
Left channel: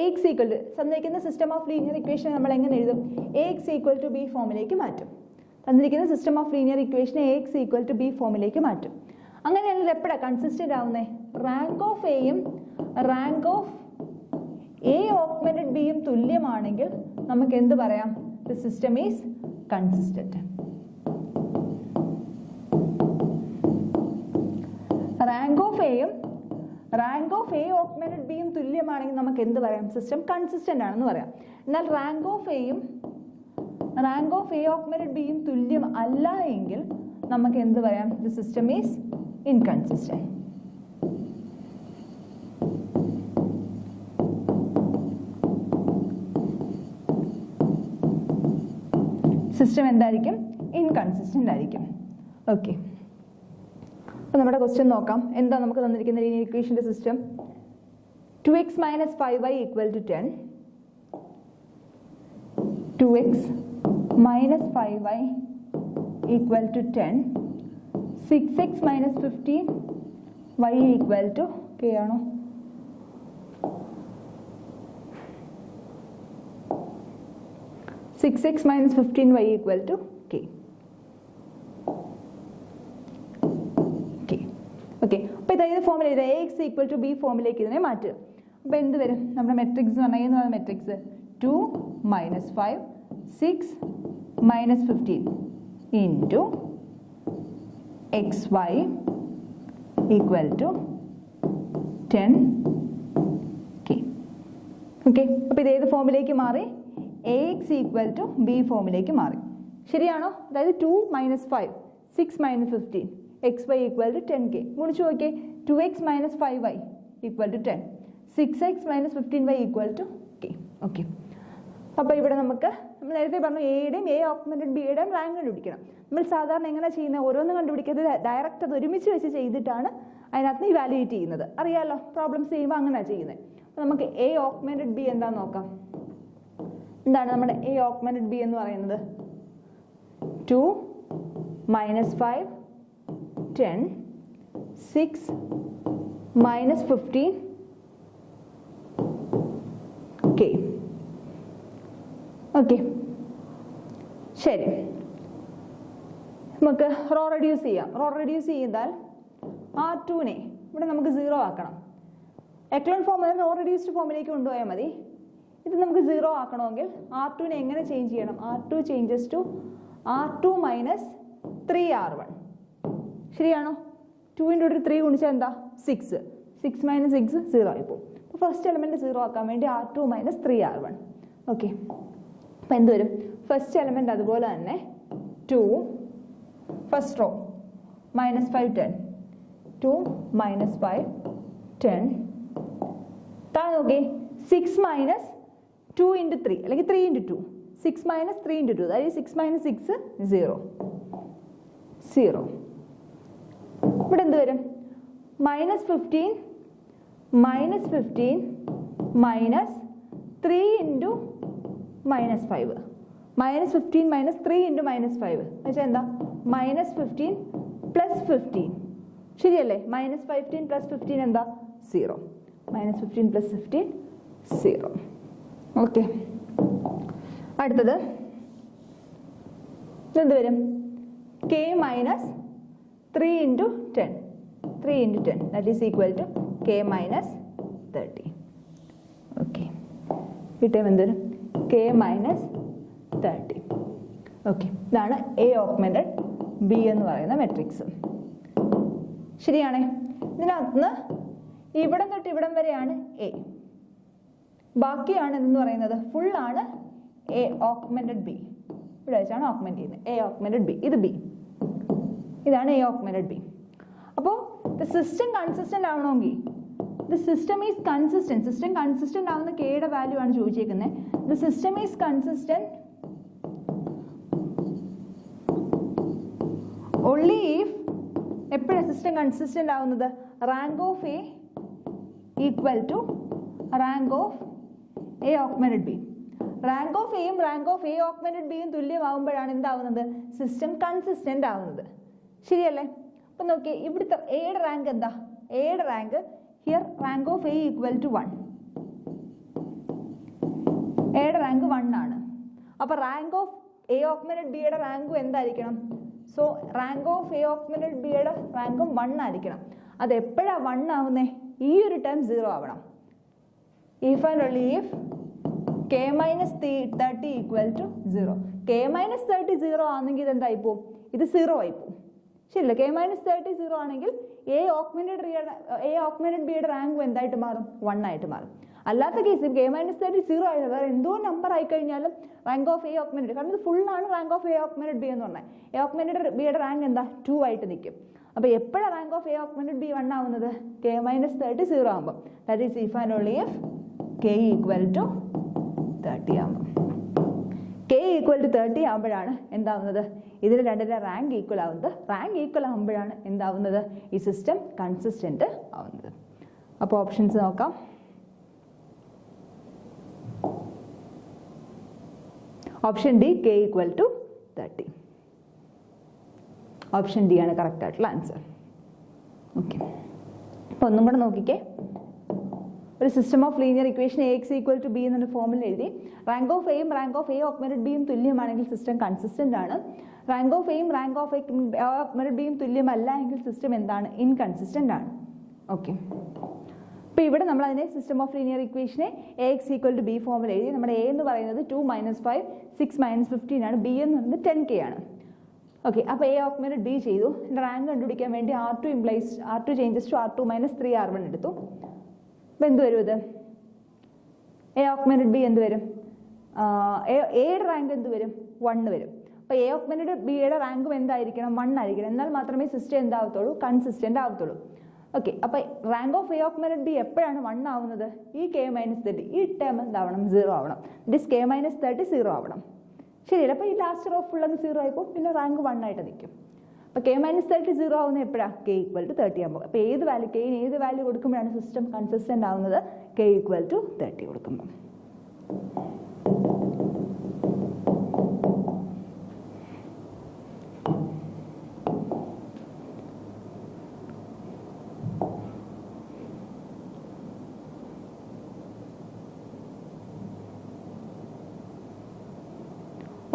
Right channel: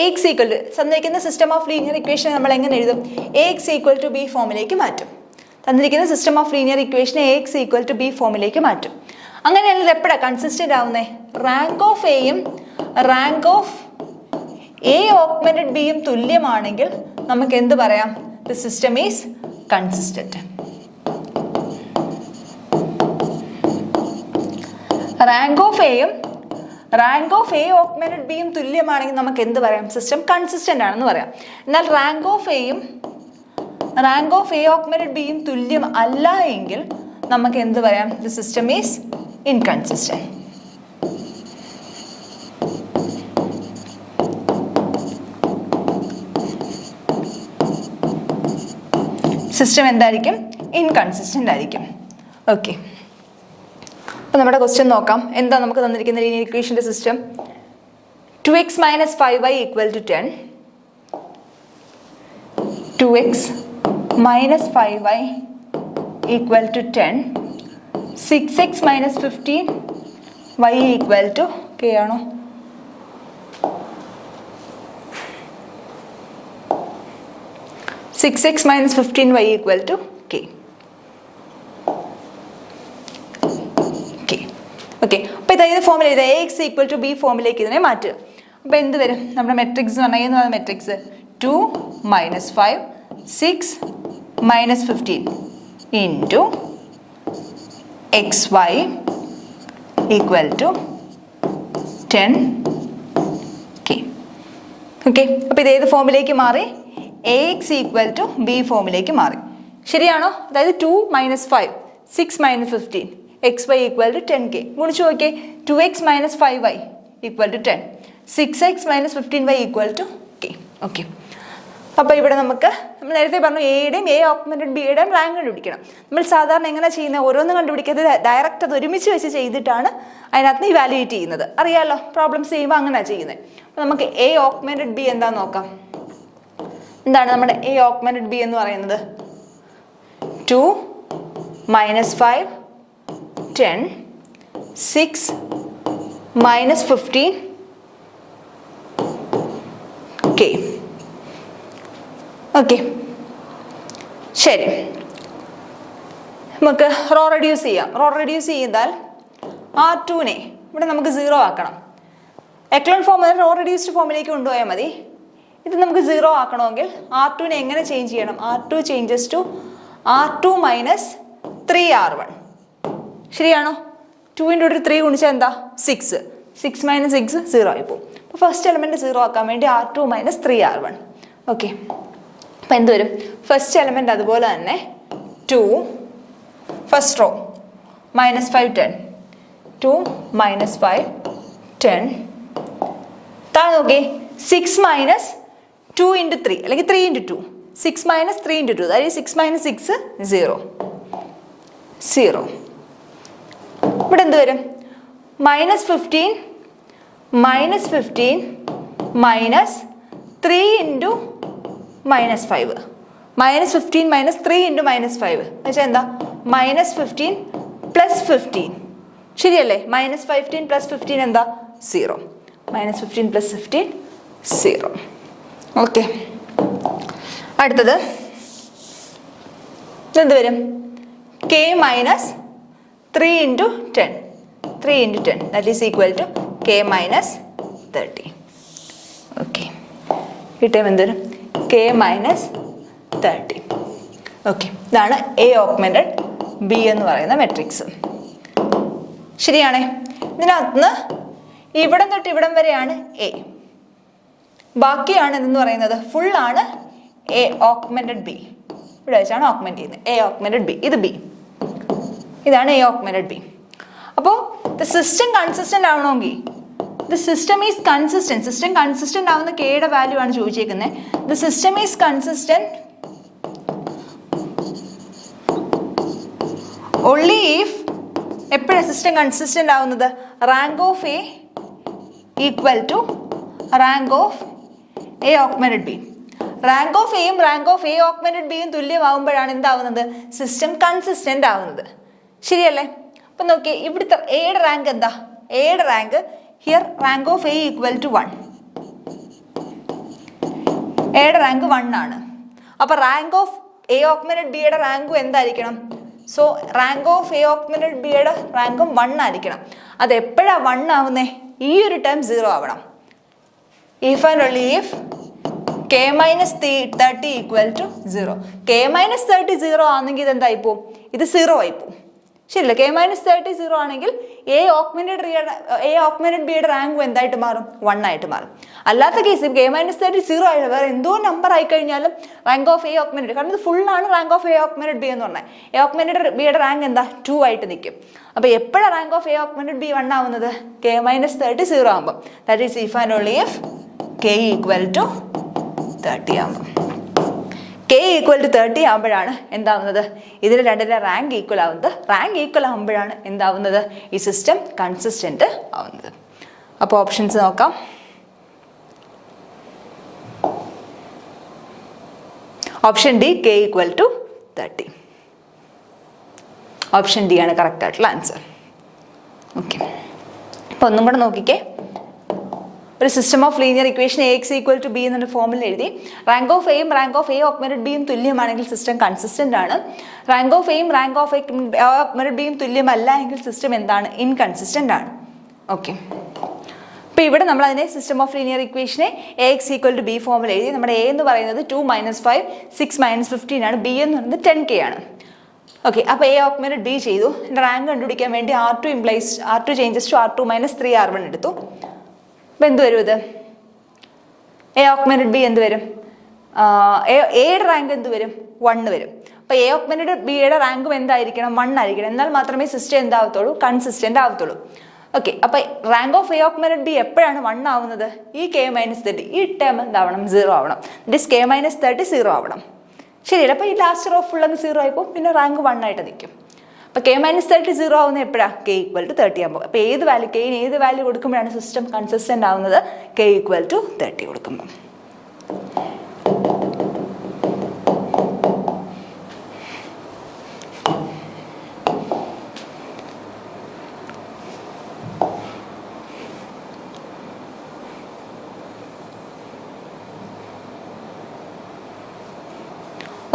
AX = തന്നിരിക്കുന്ന സിസ്റ്റം ഓഫ് ലീനിയർ ഇക്വേഷൻ നമ്മൾ എങ്ങനെ എഴുതും? AX = B ഫോമിലേക്ക് മാറ്റും. തന്നിരിക്കുന്ന system of linear equation AX = B ഫോമിലേക്ക് മാറ്റും. അങ്ങനെയാണെങ്കിൽ എപ്പോഴാണ് കൺസിസ്റ്റൻ്റ് ആവുന്നത്? റാങ്ക് ഓഫ് എയും റാങ്ക് ഓഫ് A ഓഗ്മെന്റഡ് ബിയും തുല്യമാണെങ്കിൽ നമുക്ക് എന്ത് പറയാം? The system is consistent. Rank of എയും റാങ്ക് ഓഫ് A ഓഗ്മെന്റഡ് ബിയും തുല്യമാണെങ്കിൽ നമുക്ക് എന്ത് പറയാം? സിസ്റ്റം കൺസിസ്റ്റന്റ് ആണെന്ന് പറയാം. എന്നാൽ റാങ്ക് ഓഫ് A ഓഗ്മെന്റഡ് ബിയും തുല്യം അല്ല എങ്കിൽ നമുക്ക് എന്ത് പറയാം? The system is inconsistent. System എന്തായിരിക്കും? ഇൻകൺസിസ്റ്റൻ്റ് ആയിരിക്കും. ഓക്കെ, അപ്പോൾ നമ്മുടെ ക്വസ്റ്റ്യൻ നോക്കാം. എന്താ നമുക്ക് തന്നിരിക്കുന്ന linear ഇക്വേഷൻ്റെ system? 2x - 5y = 10, 2x - 5y = 10, 6x minus 15 y equal to k ആണോ? Six X minus 15y equal to k. Okay, അപ്പോൾ ഇത് ഏത് ഫോമിൽ എഴുതുക? ax ഈക്വൽ ടു ബി ഫോമിലേക്ക് ഇതിനെ മാറ്റുക. അപ്പോൾ എന്ത് വരും? നമ്മുടെ മെട്രിക്സ് എന്ന് പറഞ്ഞാൽ ഏതാണ് matrix? 2 minus 5 6 minus 15 into X Y equal to 10k. Okay, അപ്പോൾ ഇത് ഏത് ഫോമിലേക്ക് മാറി? ax ഈക്വൽ ടു ബി ഫോമിലേക്ക് മാറി. ശരിയാണോ? അതായത് 2 minus 5 6 minus 15 X Y equal to 10k. ഗുണിച്ച് നോക്കിയേ, 2x minus 5y equal to 10, 6x minus 15y equal to k. Okay, അപ്പോൾ ഇവിടെ നമുക്ക് നമ്മൾ നേരത്തെ പറഞ്ഞു എയുടെയും എ ഓഗ്മെന്റഡ് ബിയുടെയും റാങ്ക് കണ്ടുപിടിക്കണം. നമ്മൾ സാധാരണ എങ്ങനെ ചെയ്യുന്നത്? ഓരോന്നും കണ്ടുപിടിക്കാതെ ഡയറക്റ്റ് അത് ഒരുമിച്ച് വെച്ച് ചെയ്തിട്ടാണ് അതിനകത്ത് നിന്ന് ഇവാലുവേറ്റ് ചെയ്യുന്നത്. അറിയാമല്ലോ, പ്രോബ്ലംസ് ചെയ്യുമ്പോൾ അങ്ങനെയാണ് ചെയ്യുന്നത്. അപ്പോൾ നമുക്ക് എ ഓഗ്മെന്റഡ് ബി എന്താണെന്ന് നോക്കാം. എന്താണ് നമ്മുടെ എ ഓഗ്മെന്റഡ് ബി എന്ന് പറയുന്നത്? 2 മൈനസ് 5 10 6 മൈനസ് 15 k. ഓക്കെ, ശരി, നമുക്ക് റോ റെഡ്യൂസ് ചെയ്യാം. റോ റെഡ്യൂസ് ചെയ്താൽ R2നെ ഇവിടെ നമുക്ക് 0 ആക്കണം. എക്ലോൺ ഫോം റോ റെഡ്യൂസ്ഡ് ഫോമിലേക്ക് കൊണ്ടുപോയാൽ മതി. ഇത് നമുക്ക് 0 ആക്കണമെങ്കിൽ R2നെ എങ്ങനെ ചേഞ്ച് ചെയ്യണം? R2 changes to R2 minus 3R1. ശരിയാണോ? 2 × 3 ഗുണിച്ചാൽ എന്താ? 6. 6 മൈനസ് 6 0 ആയി പോകും. അപ്പോൾ ഫസ്റ്റ് എലമെൻറ്റ് 0 ആക്കാൻ വേണ്ടി R2 മൈനസ് 3R1. ഓക്കെ, അപ്പോൾ എന്ത് വരും? ഫസ്റ്റ് എലമെൻറ്റ് അതുപോലെ തന്നെ 2 ഫസ്റ്റ് റോ മൈനസ് 5 10 2 മൈനസ് 5 10 താഴെ നോക്കി 6 മൈനസ് 2 × 3 അല്ലെങ്കിൽ 3 × 2 6 മൈനസ് 3 × 2 അതായത് 6 മൈനസ് 6 0 0. ഇവിടെ എന്ത് വരും? Minus 15 minus 15 minus 3 × minus 5. Minus 15 minus 3 × minus 5 എന്നുവെച്ചാൽ എന്താ? Minus 15 plus 15. ശരിയല്ലേ? മൈനസ് 15 പ്ലസ് 15 എന്താ? 0. Minus 15 plus 15 0. ഓക്കെ, അടുത്തത് എന്ത് വരും? k minus 3 × 10 3 × 10 that is equal to k minus 30. Okay, ഈ ടൈം എന്ത് വരും? k minus 30. ഓക്കെ, ഇതാണ് എ ഓഗ്മെന്റഡ് ബി എന്ന് പറയുന്ന മെട്രിക്സ്. ശരിയാണേ? ഇതിനകത്ത് ഇവിടം തൊട്ട് ഇവിടം വരെയാണ് എ, ബാക്കിയാണ് എന്തെന്ന് പറയുന്നത് ഫുള്ളാണ് എ ഓഗ്മെന്റഡ് ബി. ഇവിടെ വെച്ചാണ് ഓഗ്മെന്റ് ചെയ്യുന്നത്. എ ഓഗ്മെന്റഡ് ബി, ഇത് ബി, ഇതാണ് എ ഓഗ്മെന്റഡ് ബി. അപ്പോൾ ദ സിസ്റ്റം കൺസിസ്റ്റന്റ് ആവണമെങ്കിൽ the system is consistent. System consistent ആവുന്ന കെയുടെ വാല്യൂ ആണ് ചോദിച്ചേക്കുന്നത്. The system is consistent only if, എപ്പോഴാണ് സിസ്റ്റം കൺസിസ്റ്റന്റ് ആവുന്നത്? Rank of A equal to rank of A augmented B. Rank of എയും rank of A augmented ബിയും തുല്യമാവുമ്പോഴാണ് എന്താവുന്നത്? System consistent ആവുന്നത്. ശരിയല്ലേ? അപ്പം നോക്കിയേ, ഇവിടുത്തെ എയുടെ റാങ്ക് എന്താ? എയുടെ rank here rank of A equal to 1. എയുടെ റാങ്ക് 1 ആണ്. അപ്പോൾ റാങ്ക് ഓഫ് എ ഓഗ്മെന്റഡ് ബിയുടെ റാങ്കും എന്തായിരിക്കണം? So rank of A augmented ബിയുടെ റാങ്കും 1 ആയിരിക്കണം. അത് എപ്പോഴാണ് 1 ആവുന്നേ? ഈ ഒരു ടൈം 0 ആവണം. If and only if k minus 30 equal to 0. k minus 30 0 ആണെങ്കിൽ ഇത് എന്തായിപ്പോവും? ഇത് 0 ആയിപ്പോവും. ശരിയല്ല? k മൈനസ് 30 0 ആണെങ്കിൽ എ ഓഗ്മെന്റഡ് ബിയുടെ റാങ്കും എന്തായിട്ട് മാറും? 1 ആയിട്ട് മാറും. അല്ലാത്ത കേസ് k മൈനസ് 30 0 ആയിട്ട് വേറെ എന്തോ നമ്പർ ആയി കഴിഞ്ഞാലും റാങ്ക് ഓഫ് എ ഓഗ്മെന്റഡ്, കാരണം ഇത് ഫുള്ളാണ് rank of A augmented B എന്ന് പറഞ്ഞാൽ. എ ഓഗ്മെന്റഡ് ബിയുടെ റാങ്ക് എന്താ? 2 ആയിട്ട് നിൽക്കും. അപ്പോൾ എപ്പോഴാണ് rank of A augmented B 1 ആവുന്നത്? k മൈനസ് 30 0 ആകുമ്പോൾ. That is if and only if k equal to 30 ആകുമ്പോൾ. k ഈക്വൽ ടു 30 ആകുമ്പോഴാണ് എന്താവുന്നത്? ഇതിന് രണ്ടിൻ്റെ റാങ്ക് ഈക്വൽ ആവുന്നത്. റാങ്ക് ഈക്വൽ ആകുമ്പോഴാണ് എന്താവുന്നത്? ഈ സിസ്റ്റം കൺസിസ്റ്റന്റ് ആവുന്നത്. അപ്പോൾ ഓപ്ഷൻസ് നോക്കാം. Option D, k equal to 30. Option D ആണ് കറക്റ്റ് ആയിട്ടുള്ള ആൻസർ. ഓക്കെ, അപ്പോൾ ഒന്നും കൂടെ നോക്കിക്കേ. ഒരു system of linear equation A X equal to B എന്നൊരു ഫോമിൽ എഴുതി. റാങ്ക് ഓഫ് എയും റാങ്ക് ഓഫ് എ ഓഗ്മെന്റഡ് ബിയും തുല്യമാണെങ്കിൽ സിസ്റ്റം കൺസിസ്റ്റന്റ് ആണ്. റാങ്ക് ഓഫ് എയും റാങ്ക് ഓഫ് എ ഓഗ്മെന്റഡ് ബിയും തുല്യമല്ല എങ്കിൽ സിസ്റ്റം എന്താണ്? ഇൻകൺസിസ്റ്റന്റ് ആണ്. ഓക്കെ, അപ്പോൾ ഇവിടെ നമ്മൾ അതിനെ സിസ്റ്റം ഓഫ് ലീനിയർ ഇക്വേഷനെ A X equal to B ഫോമിൽ എഴുതി. നമ്മുടെ എ എന്ന് പറയുന്നത് 2 - 5 6 - 15 ആണ്. ബി എന്ന് പറയുന്നത് 10K ആണ്. ഓക്കെ, അപ്പോൾ എ ഓഗ്മെന്റഡ് ബി ചെയ്തു. എൻ്റെ റാങ്ക് കണ്ടുപിടിക്കാൻ വേണ്ടി R2 changes to R2 - 3R1 എടുത്തു. അപ്പോൾ എന്ത് വരും? ഇത് എ ഓഗ്മെന്റഡ് ബി എന്ത് വരും? എയുടെ റാങ്ക് എന്ത് വരും? 1 വരും. അപ്പോൾ എ ഓഗ്മെന്റഡ് ബിയുടെ റാങ്കും എന്തായിരിക്കണം? 1 ആയിരിക്കണം. എന്നാൽ മാത്രമേ സിസ്റ്റം എന്താവത്തുള്ളൂ? കൺസിസ്റ്റന്റ് ആവത്തുള്ളൂ. ഓക്കെ, അപ്പോൾ rank of A augmented B എപ്പോഴാണ് 1 ആവുന്നത്? ഈ K - 30, ഈ ടേം എന്താവണം? 0 ആവണം. ദിസ് K - 30 0 ആവണം. ശരിയല്ല? അപ്പോൾ ഈ ലാസ്റ്റ് റോ ഫുൾ അങ്ങ് 0 ആയിപ്പോൾ പിന്നെ റാങ്ക് 1 ആയിട്ട് നിൽക്കും. അപ്പോൾ K - 30 0 ആവുന്നത് എപ്പോഴാണ്? K = 30 ആകുമ്പോൾ. അപ്പോൾ ഏത് വാല്യൂ കൊടുക്കുമ്പോഴാണ് സിസ്റ്റം കൺസിസ്റ്റന്റ് ആവുന്നത്? K = 30 കൊടുക്കുമ്പോൾ.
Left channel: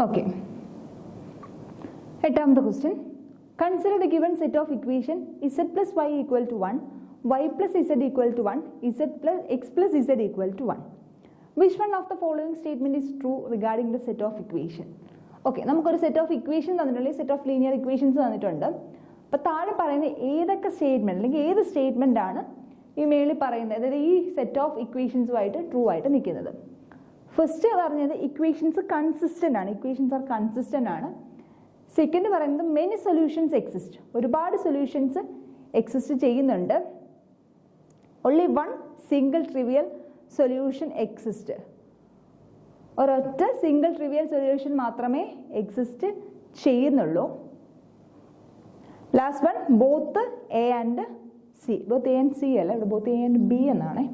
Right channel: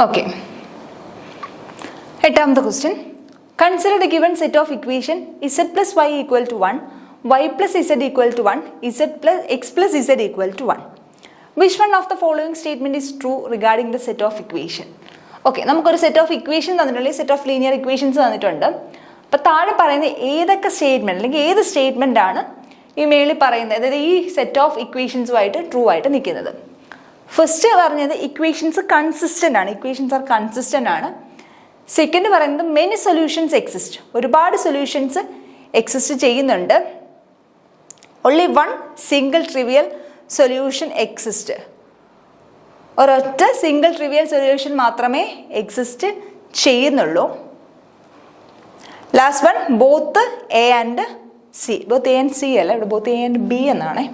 Okay. എട്ടാമത്തെ question. Consider the given set of equation z plus y equal to 1, y plus z equal to 1, x plus z equal to 1. Which one of the following statement is true regarding the set of equation? Okay, നമുക്കൊരു set of equation തന്നിട്ടുണ്ട്, set of linear equations തന്നിട്ടുണ്ട്. അപ്പോൾ താഴെ പറയുന്ന ഏതൊക്കെ statement അല്ലെങ്കിൽ ഏത് statement ആണ് ഈ മേളിൽ പറയുന്നത്, അതായത് ഈ സെറ്റ് ഓഫ് ഇക്വേഷൻസുമായിട്ട് ട്രൂ ആയിട്ട് നിൽക്കുന്നത്? ഫസ്റ്റ് പറഞ്ഞത് ഇക്വേഷൻസ് കൺസിസ്റ്റൻ്റ് ആണ്, ഇക്വേഷൻസ് ആർ കൺസിസ്റ്റൻ്റ് ആണ്. സെക്കൻഡ് പറയുന്നത് മെനി സൊല്യൂഷൻസ് എക്സിസ്റ്റ്, ഒരുപാട് സൊല്യൂഷൻസ് എക്സിസ്റ്റ് ചെയ്യുന്നുണ്ട്. Only one single trivial solution exist, ഒരൊറ്റ സിംഗിൾ ട്രിവിയൽ സൊല്യൂഷൻ മാത്രമേ എക്സിസ്റ്റ് ചെയ്യുന്നുള്ളൂ. Last one both A and C, both A and C അല്ല, ഇവിടെ ബോത്ത് എ ആൻഡ് ബി എന്നാണ്.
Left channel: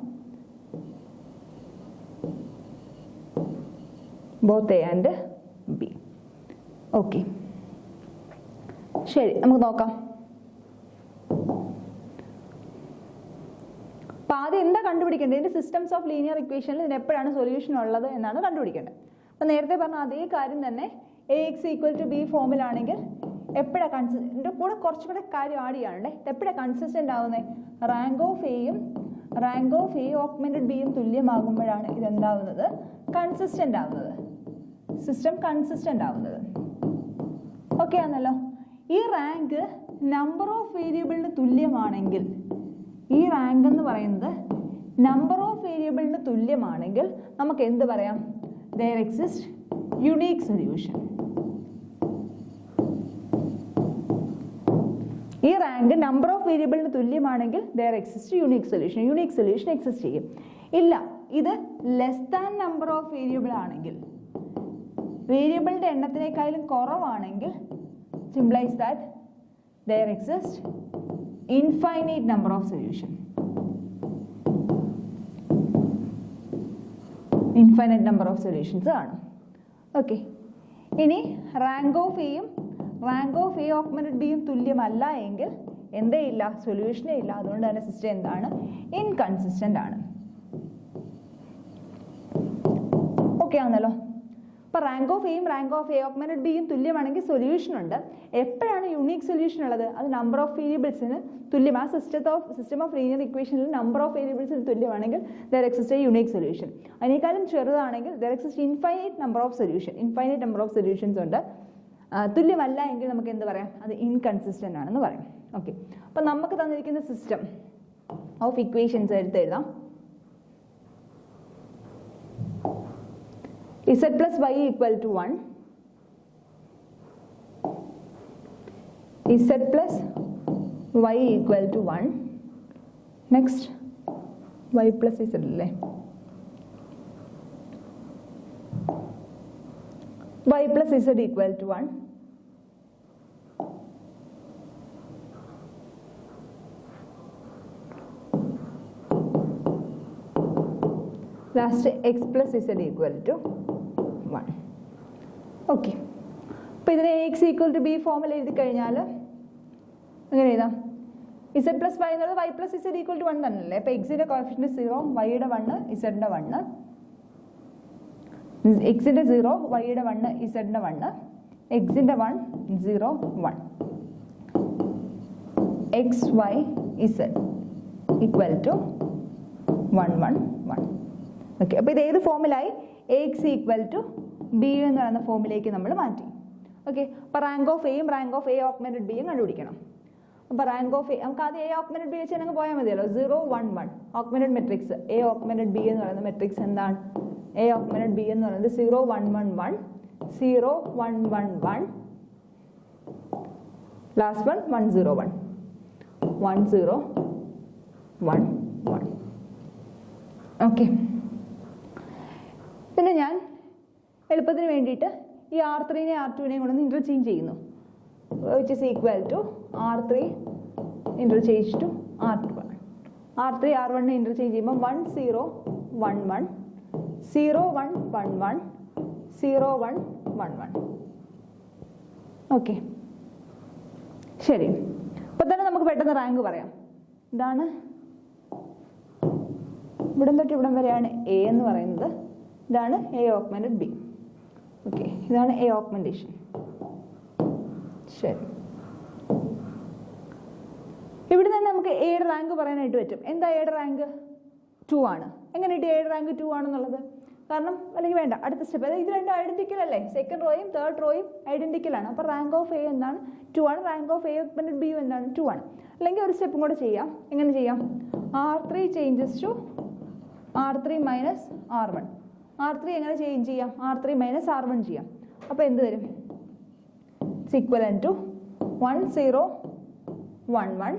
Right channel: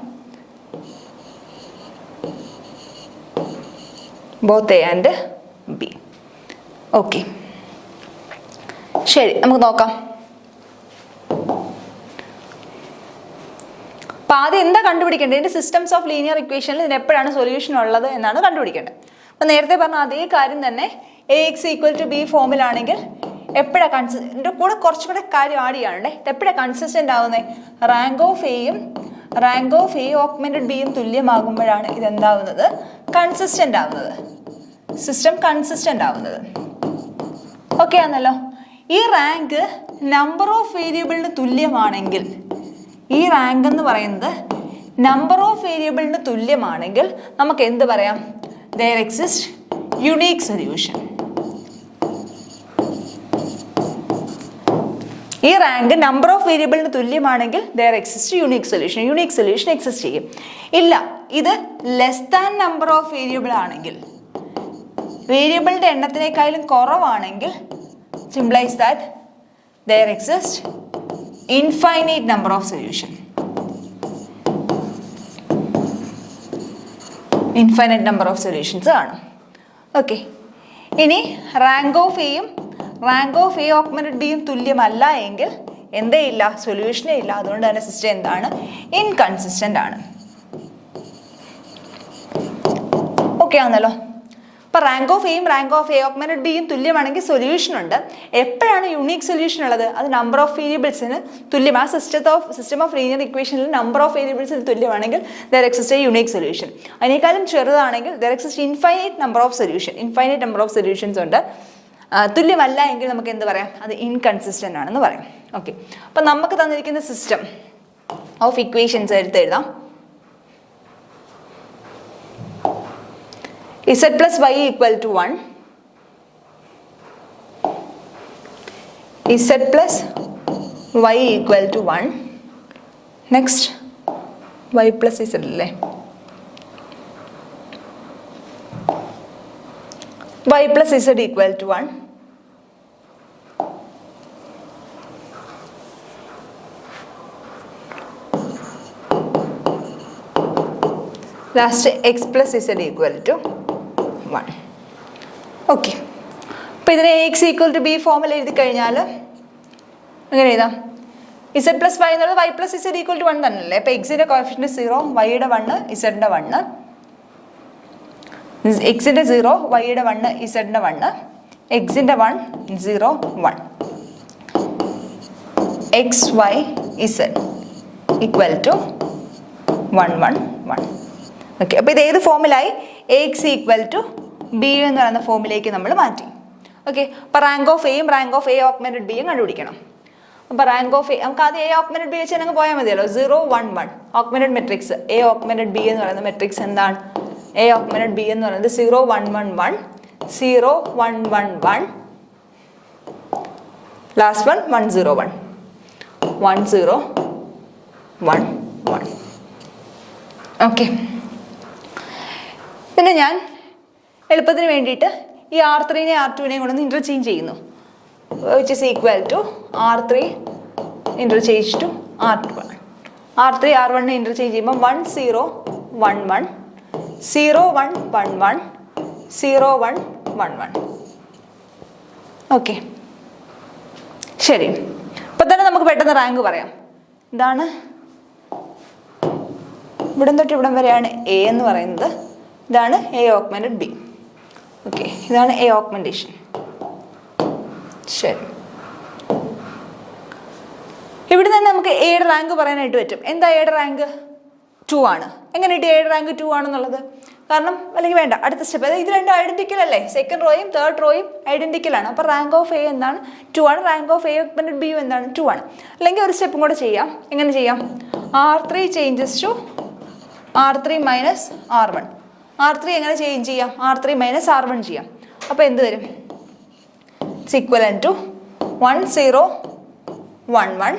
Both A and B. Okay, ശരി, നമുക്ക് നോക്കാം. അപ്പം ആദ്യം എന്താ കണ്ടുപിടിക്കേണ്ടത്? ഇതിൻ്റെ സിസ്റ്റംസ് ഓഫ് ലീനിയർ ഇക്വേഷനിൽ ഇതിന് എപ്പോഴാണ് സൊല്യൂഷൻ ഉള്ളത് എന്നാണ് കണ്ടുപിടിക്കേണ്ടത്. അപ്പം നേരത്തെ പറഞ്ഞ അതേ കാര്യം തന്നെ A X equal to B ഫോമിലാണെങ്കിൽ എപ്പോഴാണ് ഇതിൻ്റെ കൂടെ കുറച്ചുകൂടെ കാര്യം ആഡ് ചെയ്യാനുണ്ട്. എപ്പോഴാണ് കൺസിസ്റ്റൻ്റ് ആവുന്നത്? റാങ്ക് ഓഫ് എയും റാങ്ക് ഓഫ് എ ഓഗ്മെന്റഡ് ബിയും തുല്യമാകുമ്പോഴാണ് ഇതെന്താവുന്നത്? കൺസിസ്റ്റൻ്റ് ആവുന്നത്, സിസ്റ്റം കൺസിസ്റ്റൻ്റ് ആവുന്നത്. ഓക്കെ ആണല്ലോ? ഈ റാങ്ക് നമ്പർ ഓഫ് വേരിയബിളിന് തുല്യമാണെങ്കിൽ, ഈ റാങ്ക് എന്ന് പറയുന്നത് നമ്പർ ഓഫ് വേരിയബിളിന് തുല്യമാണെങ്കിൽ നമുക്ക് എന്ത് പറയാം? there exists unique solution. ഈ റാങ്ക് നമ്പർ ഓഫ് വേരിയബിളിന് തുല്യമാണെങ്കിൽ there exists unique solution. Unique solution exist ചെയ്യും. ഇല്ല, ഇത് less than number of variable ആണെങ്കിൽ, വേരിയബിളിൻ്റെ എണ്ണത്തിനേക്കാളും കുറവാണെങ്കിൽ, സിംപ്ലൈസ് that there exists infinite number of solution. Infinite number of solutions ആണ്. ഓക്കെ, ഇനി റാങ്ക് ഓഫ് എയും റാങ്ക് ഓഫ് എ ഓഗ്മെന്റഡ് ബിയും തുല്യമല്ല എങ്കിൽ എന്തേ ഇല്ല? സൊല്യൂഷനേ ഇല്ല. അതുകൊണ്ട് തന്നെ സിസ്റ്റം എന്താണ്? ഇൻകൺസിസ്റ്റൻ്റ് ആണ്. ഓക്കെ ആണല്ലോ? അപ്പോൾ റാങ്ക് ഓഫ് എയും റാങ്ക് ഓഫ് എ ഓഗ്മെന്റഡ് ബിയും തുല്യമാണെങ്കിൽ സൊല്യൂഷൻ ഉണ്ട്. എപ്പോഴാണ് യുണീക് സൊല്യൂഷൻ ഉള്ളത്? അത് നമ്പർ ഓഫ് വേരിയബിൾസിന് തുല്യമാണ്. സിസ്റ്റം ഓഫ് ലീനിയർ ഇക്വേഷനിൽ നമ്പർ ഓഫ് വേരിയബിൾസിന് തുല്യമാണെങ്കിൽ there exists a unique solution. അതിനേക്കാളും ചെറുതാണെങ്കിൽ there exists infinite number of solution. Infinite number of solutions ഉണ്ട്. തുല്യമല്ല എങ്കിൽ നമുക്ക് എന്ത് പറയാം? അത് ഇൻകൺസിസ്റ്റൻ്റ് ആണെന്ന് പറയാം. ഓക്കെ, അപ്പം നമുക്ക് തന്നിരിക്കുന്ന സിസ്റ്റം ഓഫ് ഇക്വേഷൻസ് എഴുതാം. z plus y equal to 1, z plus y equal to 1, next y plus z അല്ലേ, y plus z equal to 1, last x plus z equal to 1. Okay, അപ്പോൾ ഇതിനെ X equal to B ഫോമിൽ എഴുതി കഴിഞ്ഞാൽ എങ്ങനെ എഴുതാം? Z plus Y എന്നുള്ളത് Y plus Z equal to 1 തന്നെയല്ലേ. അപ്പോൾ എക്സിൻ്റെ കോഫിഷ്യൻ്റ് 0, വൈയുടെ 1, ഇസഡിൻ്റെ 1. എക്സിൻ്റെ 0, വൈയുടെ 1, ഇസഡിൻ്റെ 1. എക്സിൻ്റെ 1, 0, 1. X y z equal to 1, 1, 1. Okay, അപ്പോൾ ഇത് ഏത് ഫോമിലായി? A X equal to B എന്ന് പറയുന്ന ഫോമിലേക്ക് നമ്മൾ മാറ്റി. ഓക്കെ, അപ്പോൾ റാങ്ക് ഓഫ് എയും റാങ്ക് ഓഫ് എ ഓഗ്മെന്റഡ് ബിയും കണ്ടുപിടിക്കണം. അപ്പോൾ റാങ്ക് ഓഫ് എ നമുക്ക് ആദ്യം എ ഓഗ്മെന്റഡ് ബി വെച്ച് നമുക്ക് പോയാൽ മതിയല്ലോ. 0, 1, 1 augmented matrix A augmented B എന്ന് പറയുന്ന മെട്രിക്സ് എന്താണ്? എ ഓഗ്മെന്റഡ് ബി എന്ന് പറയുന്നത് 0, 1, 1, 1, 0, 1, 1, 1, ലാസ്റ്റ് 1, 1, 0, 1, 1, 0, 1, 1. ഓക്കെ, പിന്നെ ഞാൻ എളുപ്പത്തിന് വേണ്ടിയിട്ട് ഈ R3നെ R2നെയും കൊണ്ടൊന്ന് ഇൻ്റർചേഞ്ച് ചെയ്യുന്നു. Which is equal to R3 interchange to R2. R3 R1നെ ഇൻ്റർചേഞ്ച് ചെയ്യുമ്പോൾ 1, 0, 1, 1, 0, 1, 1, 1, 0, 1, 1, 1. ഓക്കെ, ശരി. അപ്പം തന്നെ നമുക്ക് പെട്ടെന്ന് റാങ്ക് പറയാം. ഇതാണ് ഇവിടം തൊട്ട് ഇവിടം വരെയാണ് എ എന്ന് പറയുന്നത്. ഇതാണ് എ ഓഗ്മെന്റഡ് ബി. ഓക്കെ, ഇതാണ് എ ഓഗ്മെന്റേഷൻ. ശരി, ഇവിടെ നിന്ന് നമുക്ക് എയുടെ റാങ്ക് പറയാനായിട്ട് പറ്റും. എന്താ എയുടെ റാങ്ക്? 2 ആണ്. എങ്ങനെ കിട്ടി എയുടെ റാങ്ക് 2 ആണെന്നുള്ളത്? കാരണം അല്ലെങ്കിൽ വേണ്ട, അടുത്ത സ്റ്റെപ്പ്, അതായത് ഇത് രണ്ടും ഐഡന്റിക്കൽ അല്ലേ. സെക്കൻഡ് റോയും തേർഡ് റോയും ഐഡന്റിക്കൽ ആണ്. അപ്പോൾ റാങ്ക് ഓഫ് എ എന്താണ്? 2 ആണ്. Rank of A augmented B എന്താണ്? 2 ആണ്. അല്ലെങ്കിൽ ഒരു സ്റ്റെപ്പും കൂടെ ചെയ്യാം. എങ്ങനെ ചെയ്യാം? R3 changes to R3 minus R1. R3 എങ്ങനെ ചേഞ്ച് ചെയ്യാം? R3 മൈനസ് R1 ചെയ്യാം. അപ്പോൾ എന്ത് വരും? ഇറ്റ്സ് ഈക്വലൻ ടു 1, 0, 1, 1,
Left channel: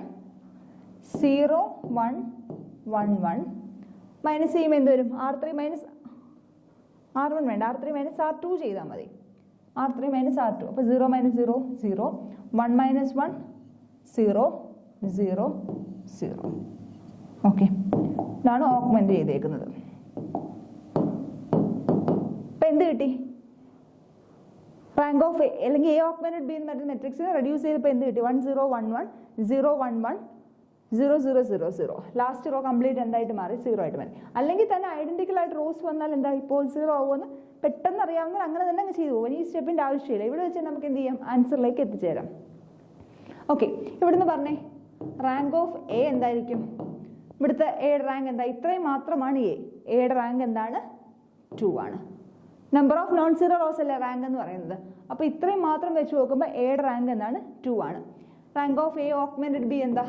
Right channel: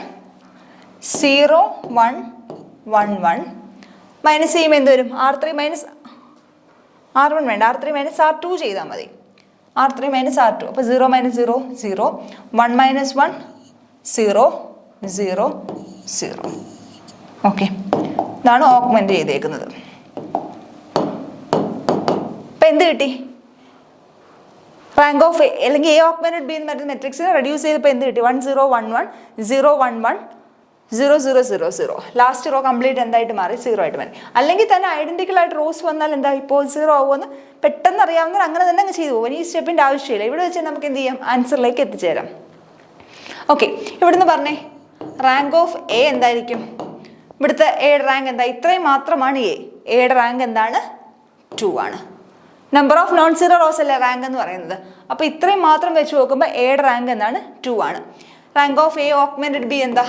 0, 1, 1, 1 മൈനസ് ചെയ്യുമ്പോൾ എന്ത് വരും? R3 മൈനസ് R1 വേണ്ട, R3 മൈനസ് R2 ചെയ്താൽ മതി. R3 minus R2. അപ്പോൾ 0 മൈനസ് 0, 0, 1 മൈനസ് 1, 0, 0, 0. ഓക്കെ, ഇതാണ് ഓഗ്മെന്റ് ചെയ്തേക്കുന്നത്. അപ്പം എന്ത് കിട്ടി? റാങ്ക് ഓഫ് എ അല്ലെങ്കിൽ എ ഓഗ്മെന്റഡ് ബി എന്ന് പറയുന്ന മെട്രിക്സിനെ റെഡ്യൂസ് ചെയ്തപ്പോൾ എന്ത് കിട്ടി? 1, 0, 1, 1, 0, 1, 1, 0, 0, 0, 0. ലാസ്റ്റ് റോ കംപ്ലീറ്റ് എന്തായിട്ട് മാറി? 0 ആയിട്ട് മാറി. അല്ലെങ്കിൽ തന്നെ ഐഡന്റിക്കൽ ആയിട്ട് റോസ് വന്നാൽ എന്താ ഇപ്പോൾ 0 ആവുമെന്ന് പെട്ടെന്ന് അറിയാവുന്നവർ അങ്ങനെ തന്നെ അങ്ങ് ചെയ്തു പോകും. ഈ സ്റ്റെപ്പിൻ്റെ ആവശ്യമില്ല. ഇവിടെ വെച്ച് നമുക്ക് എന്ത് ചെയ്യാം? ആൻസറിലേക്ക് എത്തിച്ചേരാം. ഓക്കെ, ഇവിടുന്ന് പറഞ്ഞേ റാങ്ക് ഓഫ് എ എന്തായിരിക്കും? ഇവിടുത്തെ എയുടെ റാങ്ക് എന്താ? ഇത്രയും മാത്രമാണ് എ. എയുടെ റാങ്ക് എന്താണ്? 2 ആണ്. Number of non zero rose അല്ലേ റാങ്ക് എന്ന് പറയുന്നത്. അപ്പോൾ ഇത്രയും മാത്രം വെച്ച് നോക്കുമ്പോൾ എയുടെ റാങ്ക് എന്താണ്? 2 ആണ്. Rank of A augmented B എന്താ?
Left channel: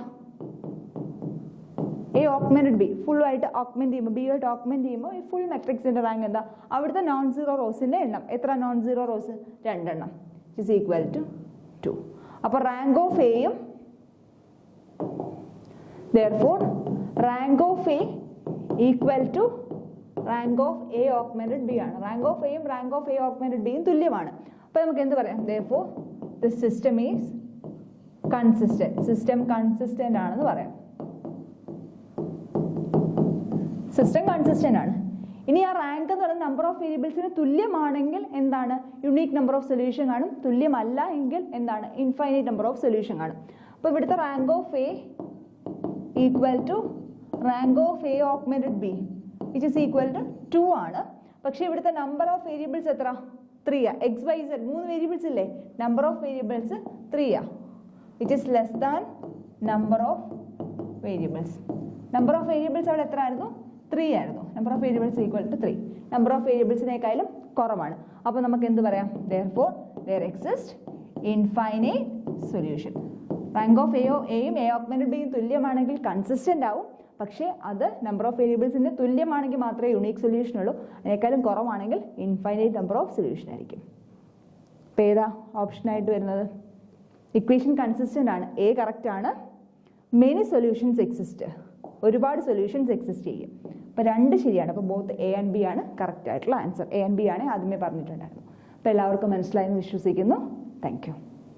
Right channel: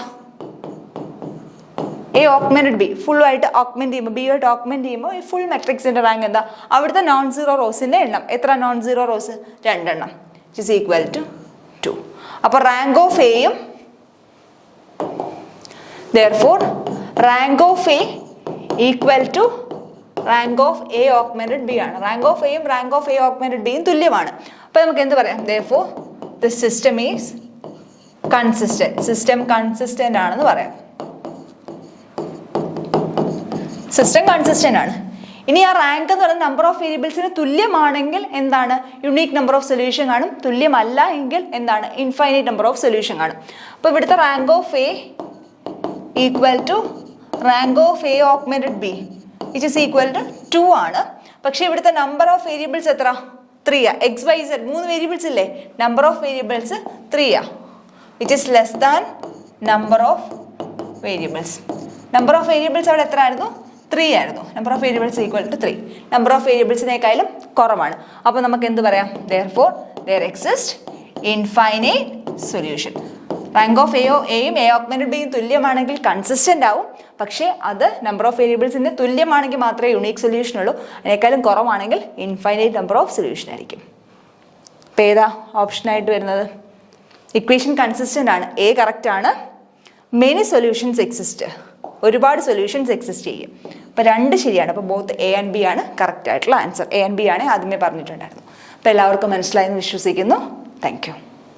എ ഓഗ്മെന്റഡ് ബി ഫുള്ളായിട്ട് ഓഗ്മെന്റ് ചെയ്യുമ്പോൾ, ബി ആയിട്ട് ഓഗ്മെന്റ് ചെയ്യുമ്പോൾ ഈ ഫുൾ മെട്രിക്സിന്റെ റാങ്ക് എന്താ? അവിടുത്തെ നോൺ സീറോ റോസിന്റെ എണ്ണം എത്ര? നോൺ സീറോ റോസ് 2 എണ്ണം. It is equal to 2. അപ്പോൾ റാങ്ക് ഓഫ് എയും therefore rank of A equal to rank of A augmented B ആണ്. റാങ്ക് ഓഫ് എയും റാങ്ക് ഓഫ് എ ഓഗ്മെന്റഡ് ബിയും തുല്യമാണ്. അപ്പോൾ നമുക്ക് എന്ത് പറയാം? therefore the system is consistent. System consistent ആണെന്ന് പറയാം. സിസ്റ്റം കൺസിസ്റ്റന്റ് ആണ്. ഇനി ആ റാങ്ക് എന്ന് പറയുന്ന നമ്പർ ഓഫ് വേരിയബിൾസിന് തുല്യമാണെങ്കിൽ എന്താണ്? യുണീക്ക് നമ്പർ ഓഫ് സൊല്യൂഷൻ കാണും. തുല്യമല്ല എങ്കിൽ എന്താണ്? ഇൻഫൈനൈറ്റ് നമ്പർ ഓഫ് സൊല്യൂഷൻ കാണും. അപ്പോൾ ഇവിടുത്തെ rank of A equal to rank of A augmented B which is equal to 2 ആണ്. പക്ഷേ ഇവിടുത്തെ നമ്പർ ഓഫ് വേരിയബിൾസ് എത്ര? 3 ആ. എക്സ് വൈ സെഡ് 3 വേരിയബിൾസ് ഇല്ലേ? നമ്പർ ഓഫ് വേരിയബിൾസ് 3 ആ. Which is less than number of variables. Number of variables അവിടെ എത്ര ആയിരുന്നു? 3 ആയിരുന്നു. Number of variables equal to 3. Number of വേരിയബിൾസിനേക്കാളും കുറവാണ്. അപ്പോൾ നമുക്ക് എന്ത് പറയാം? therefore there exists infinite solution. Rank of എയും എ ഓഗ്മെന്റഡ് ബിയും തുല്യമാണെങ്കിൽ കൺസിസ്റ്റന്റ് ആവും. പക്ഷേ അത് നമ്പർ ഓഫ് വേരിയബിൾസിന് തുല്യമാണെങ്കിൽ മാത്രമേ യുണീക്ക് സൊല്യൂഷൻ ഉള്ളൂ. അതിനേക്കാളും കുറവാണെങ്കിൽ ഇൻഫൈനൈറ്റ് നമ്പർ ഓഫ് സൊല്യൂഷൻ ആയിരിക്കും. അപ്പോൾ ഏതാ ഓപ്ഷനായിട്ട് വരുന്നത്? ഇക്വേഷൻ കൺസിസ്റ്റന്റ് ആണ്. എ കറക്റ്റ് ആണ്. Many solutions exist. ഒരുപാട് സൊല്യൂഷൻസ് എക്സിസ്റ്റ് ചെയ്യും. അപ്പോൾ 2 ശരിയാണ്. അപ്പോൾ ബോത്ത് എ ആൻഡ് ബി ആണ് കറക്റ്റ് ആയിട്ടുള്ള ആൻസർ. എ ആൻഡ് ബി ആണ് ആദ്യമേ പറഞ്ഞിട്ടുണ്ടായിരുന്നു. അപ്പോൾ എല്ലാവർക്കും മനസ്സിലായെന്ന് വിശ്വസിക്കുന്നു. Thank you.